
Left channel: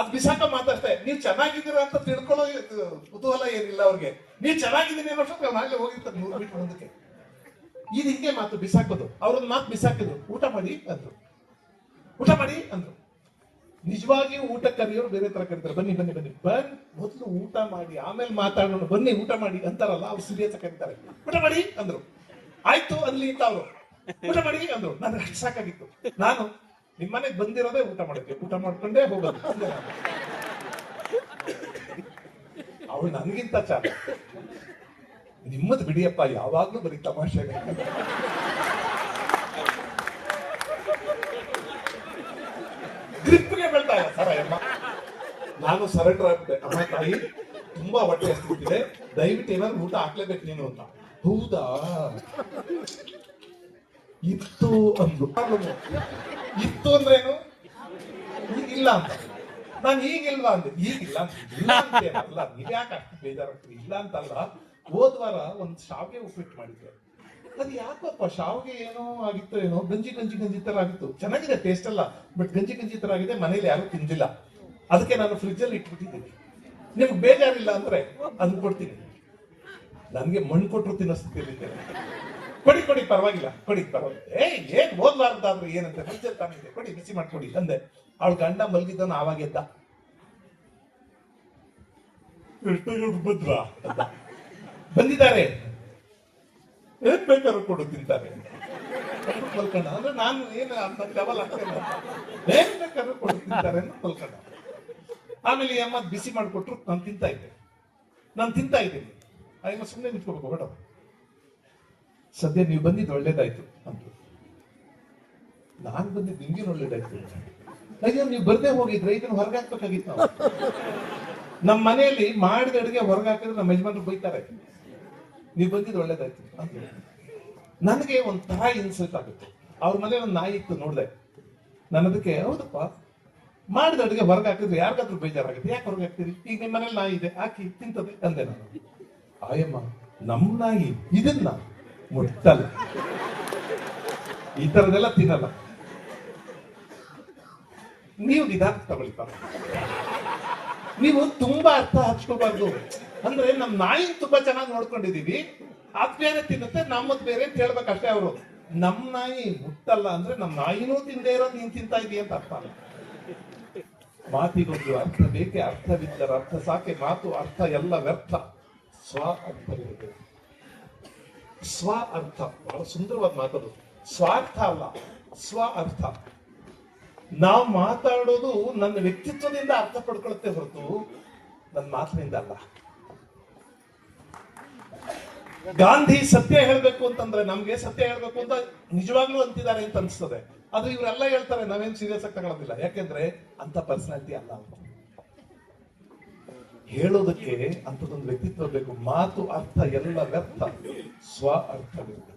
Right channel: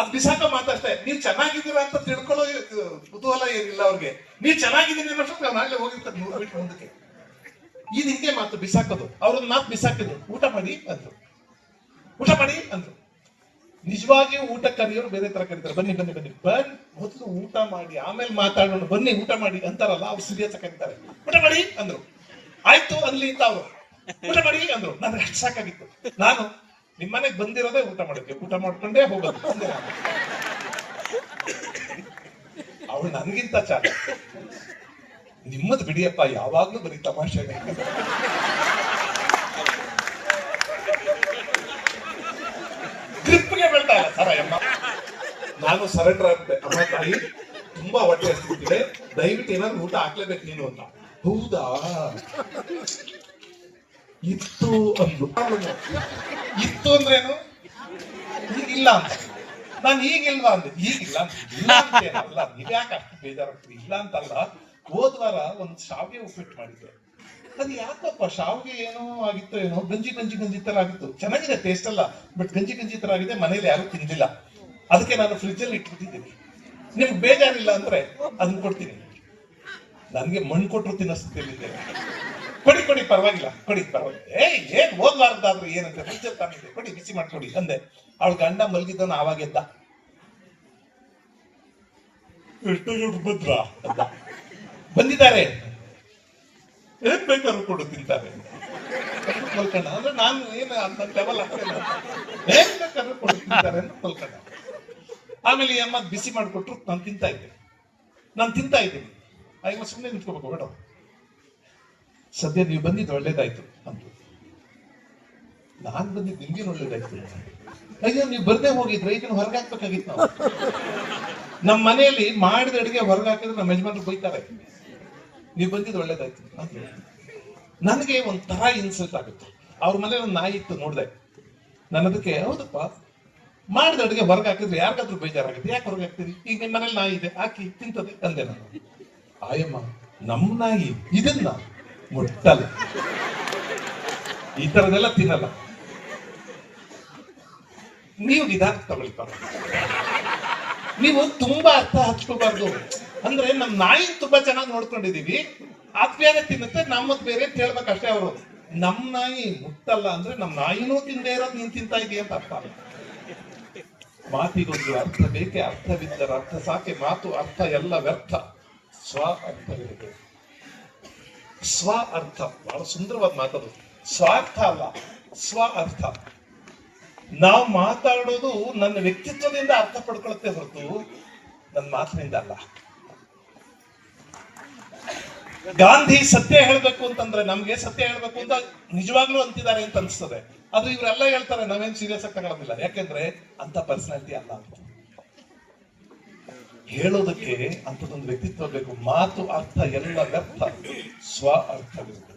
ಅದ್ ಬಿಸಾಕ ಮಾತಾಡ್ತೇ ನೀವು ಚೆನ್ನಾಗಿದ್ದೀರಾ ಅಂತ ತಿಳ್ಕೊಳ್ಳೋ ಕುತೂಹಲ ಏನಿಲ್ಲ ಅವ್ರಿಗೆ. ನೀವು ಚೆನ್ನಾಗಿದ್ದೀನಿ ಅನ್ನೋಷ್ಟು ನಾಳೆ ಹೋಗಿರ್ತಾರೆ ನೂರು ಮೀಟರ್ ಮುಂದಕ್ಕೆ. ಇದು ಮಾತು ಬಿಸಾಕೋದು. ಅವ್ರನ್ನ ಮಾತು ಬಿಸಾಕಿದ್ರು ಊಟ ಮಾಡಿ ಅಂದ್ರು. ಊಟ ಮಾಡಿ ಅಂದ್ರು. ನಿಜವಾಗಿಯೂ ಊಟ ಕರೆಯೋರು ಬೇರೆ ತರ ಕರೀತಾರೆ. ಬನ್ನಿ ಬನ್ನಿ ಬನ್ನಿ. ಬನ್ ಮೊದಲು ಊಟ ಮಾಡಿ, ಆಮೇಲೆ ಮಾತಾಡೋಣ. ಬನ್ನಿ, ಊಟ ಮಾಡಿ ಅಂತಾರಲ್ಲ, ಅವ್ರು ಸೀರಿಯಸ್ ಕರೀತಾರೆ. ಊಟ ಮಾಡಿ ಅಂದ್ರು. ಆಯ್ತು ಅಲ್ಲಿ ಅಂತ ಅವರು ಊಟ ಮಾಡಿ ಅಂದ್ರು. ನನಗೆ ಅಷ್ಟು ಸಾಕಾಗಿತ್ತು. ನಾನು ನಿಮ್ ಮನೆಗೆ ಬಂದಿರೋದೇ ಊಟ ಮಾಡಕ್ಕೆ ಊಟ ಮಾಡ್ಕೊಂಡೇ ಹೋಗೋದು. ಅವಳು ನನ್ಗಿಂತ ಚಾಲ ನಿಮ್ಮದ್ ಬಿಡಿಯಪ್ಪ, ಯಾವಾಗ್ಲೂ ಬರೀ ತಮಾಷೆ ಗ್ರಿಪ್ಗೆ ಬೆಳ್ತಾ ಇಲ್ಲ ಸರ ಅಮ್ಮ ನಾನು ಸರೆಂಡರ್ ಆಗ್ಬಿಟ್ಟೆ ಅಮ್ಮ ತಾಯಿ, ತುಂಬಾ ಹೊಟ್ಟೆ ಹಸ್ತಿದೆ. ದಯವಿಟ್ಟು ಏನಾದ್ರು ಊಟ ಹಾಕ್ಲೇಬೇಕು ನೀನು ಅಂತ. ಹೌದಾ? ಇತ್ತು ಅಂದ್ರು. ಇತ್ತು ಅಂದ್ರೇನು? ಇಲ್ಲ ಅಂತ. ನಾನು ಈಗಿಲ್ವಾ ಅಂದೆ. ಈಗಿಲ್ಲ ಇಲ್ಲ ನೀವ್ ಯಾಕೆ ಅಷ್ಟು ಬೇಜಾರಾಗ್ತೀರಿ? ಇಲ್ಲ ಅಂತಲ್ಲ. ಹೋದ್ವಾರ ಒಂದು ಶಾವಿಗೆ ಉಪ್ಪಿಟ್ಟು ಮಾಡಿದ್ದೆ. ಅದು ಯಾಕಪ್ಪ? ಶಾವಿಗೆ ಏನೋ ಆಗಿತ್ತು ಏನೋ? ಗಂಜಿ ಗಂಜಿ ಗಂಜಿ ತರ ಆಗಿತ್ತು. ಚೆನ್ನಾಗಿದೆ ಟೇಸ್ಟ್ ಅಲ್ಲ ಬಟ್ ಗಂಜಿ ಗಂಜಿ ತರ ಆಗಿದೆ, ಮನೇಲಿ ಯಾರು ತಿಂದಿಲ್ಲ. ಅದಕ್ಕೆ ನಾನು ಫ್ರಿಜ್ ಅಲ್ಲಿ ಇಟ್ಬಿಟ್ಟಿದ್ದೀನಿ ನಿಮ್ಗೆ ಬೇಜಾರಿಲ್ಲ ಅಂದ್ರೆ ಅದನ್ನ ಕೊಡ್ತೀನಿ. ನನ್ಗೆ ಮಣ್ಣು ಕೊಟ್ಟರು ತಿನ್ನೋಸ್ತಿದ್ದೆ ಕೊಡಿ ಕೊಡಿ, ಪರವಾಗಿಲ್ಲ ಕೊಡಿ, ಪರವಾಗಿಲ್ಲ. ಏಯ್, ಏನ್ ಹೋದ್ವಾರದಾದ್ರು ಏನಂತ ಫ್ರಿಜ್ ತಾನಿದೆ ಕೊಡಿ, ಬಿಸಿ ಮಾಡ್ಕೊಡಿ, ಅಂದೆ. ಅವಳ ಗಂಡ ಮಲಗಿದ್ದನ ಆವಾಗೆದ್ದ ಎಷ್ಟು ಇವ್ರು ಬದ್ರ ಅಂದ. ಬಂದಿದ್ದಾರೆ. ಏನ್ ಬೇಕಾದ್ರೂ ಕೊಡು, ತಿಂತಾರೆ. ಮಲ್ಕೊಂಡ ಅಂದ್ರೆ ನಾನು ಏನು ಅಂತ ಲೆವೆಲ್ ಹಾಕ್ತೇನೆ ಏನ್ ಬೇಕಾದ್ರೂ ಕೊಡು, ತಿಂತಾರೆ ಅಂತ ಆಮೇಲೆ ಅಮ್ಮ ಬಿಸಿ ಮಾಡಿಕೊಟ್ರು, ನಾನು ತಿಂತಾ ಇದ್ದೆ. ನಾನು ತಿಂತಾ ಇದ್ದೀನಿ. ಆಗ ಸುಮ್ಮನೆ ನಿಂತ್ಕೋಬೇಕು, ಬೇಡ. ಸದ್ಯ ನೀವು ಬಂದಿದ್ದು ಒಳ್ಳೇದಾಯ್ತು ಅಂತ. ನಾನು ಬಂದಿದ್ದು ನಿಮ್ಗೇನು ಒಳ್ಳೇದಾಯ್ತು ಅಯ್ಯೋ, ನೀವು ಬರ್ದೇ ಹೋಗಿದ್ರೆ ಇದನ್ನು ಹೊರಗೆ ಹಾಕ್ಬೇಕಾಗಿತ್ತು ನಾವು. ನಮ್ಮ ಮನೆಯಲ್ಲಿ ಮಾಡಿದ ಅಡುಗೆ ಹೊರಗೆ ಹಾಕಿದ್ರೆ ನಮ್ಮ ಯಜಮಾನ್ರು ಬೈತಾರೆ. ನೀವು ಬಂದಿದ್ದು ಒಳ್ಳೇದಾಯ್ತು ಅಂತ ನನಗೆ ಒಂಥರ ಇನ್ಸಲ್ಟ್ ಆಗುತ್ತೆ. ಅವ್ರ ಮನೇಲಿ ಒಂದು ನಾಯಿ ಇತ್ತು ನೋಡಿದೆ. ನನ್ನದಕ್ಕೆ ಹೌದಪ್ಪ, ಮಾಡಿದ ಅಡುಗೆ ಹೊರಗೆ ಹಾಕಿದ್ರೆ ಯಾರಿಗಾದ್ರೂ ಬೇಜಾರಾಗುತ್ತೆ. ಯಾಕೆ ಹೊರಗೆ ಹಾಕ್ತೀರಿ? ಈಗ ನಿಮ್ಮ ಮನೇಲಿ ನಾಯಿ ಇದೆ, ಹಾಕಿ ತಿಂತದೆ ಅಂದೆ ನಾನು. ಆಯಮ್ಮ ನಮ್ಮ ನಾಯಿ ಇದನ್ನ ಮುಟ್ಟಲ್ಲ ಈ ತರದೆಲ್ಲ ತಿನ್ನಲ್ಲ. ನೀವು ನಿಧಾನ ತಗೊಳ್ಳಿ ಪಾಪ ನೀವು ತುಂಬಾ ಅರ್ಥ ಹಚ್ಕೋಬಾರ್ದು. ಅಂದ್ರೆ ನಮ್ ನಾಯಿ ತುಂಬಾ ಚೆನ್ನಾಗಿ ನೋಡ್ಕೊಂಡಿದೀವಿ. ಅದ್ ಬೇರೆ ತಿನ್ನುತ್ತೆ, ನಮ್ಮದ್ ಬೇರೆ ಅಂತ ಹೇಳ್ಬೇಕಷ್ಟೇ ಅವರು. ನಮ್ ನಾಯಿ ಮುಟ್ಟಲ್ಲ ಅಂದ್ರೆ ನಮ್ ನಾಯಿನೂ ತಿಂದೇ ಇರೋದು ನೀನ್ ತಿಂತಾ ಇದೀಯ ಅಂತ ಅರ್ಥ ಮಾತಿಗೊಂದು ಅರ್ಥ ಬೇಕೆ, ಅರ್ಥವಿದ್ದರೆ ಅರ್ಥ ಸಾಕೆ, ಮಾತು ಅರ್ಥ ಎಲ್ಲ ವ್ಯರ್ಥ. ಸ್ವ ಅರ್ಥವಿರಬೇಕು ಸ್ವ ಅರ್ಥ. ಬಹಳ ಸುಂದರವಾದ ಮಾತದು ಸ್ವಾರ್ಥ ಅಲ್ಲ, ಸ್ವ ಅರ್ಥ. ನಾವು ಮಾತಾಡೋದು ನನ್ನ ವ್ಯಕ್ತಿತ್ವದಿಂದ ಅರ್ಥ ಪಡ್ಕೊಳುತ್ತೆ ಹೊರತು ನನ್ನ ಮಾತಿನಿಂದ ಅಲ್ಲ. ಗಾಂಧಿ ಸತ್ಯ ಹೇಳ್ಬೇಕು ಅಂತಂದ್ರೆ ನಮ್ಗೆ ಸತ್ಯ ಹೇಳ್ಬೇಕು ಅಂತ ನಿಜವಾಗ್ಲೂ ಅಂತಿದ್ದಾರೆ ಅಂತ ಅನ್ಸ್ತದೆ. ಆದ್ರೆ ಇವರೆಲ್ಲ ಹೇಳ್ತಾರೆ, ನಾವೇನ್ ಸೀರಿಯಸ್ ಆಗಿ ತಗೊಳ್ಳೋದಿಲ್ಲ ಯಾಕೆಂದ್ರೆ ಅಂತ ಪರ್ಸನಾಲಿಟಿ ಅಲ್ಲ ಅಂತ ಹೇಳೋದಕ್ಕೆ ಅಂತದೊಂದು ವ್ಯಕ್ತಿತ್ವ ಬೇಕು. ಮಾತು ಅರ್ಥ ಎಲ್ಲ ವ್ಯರ್ಥ. ಸ್ವ ಅರ್ಥವಿರಬೇಕು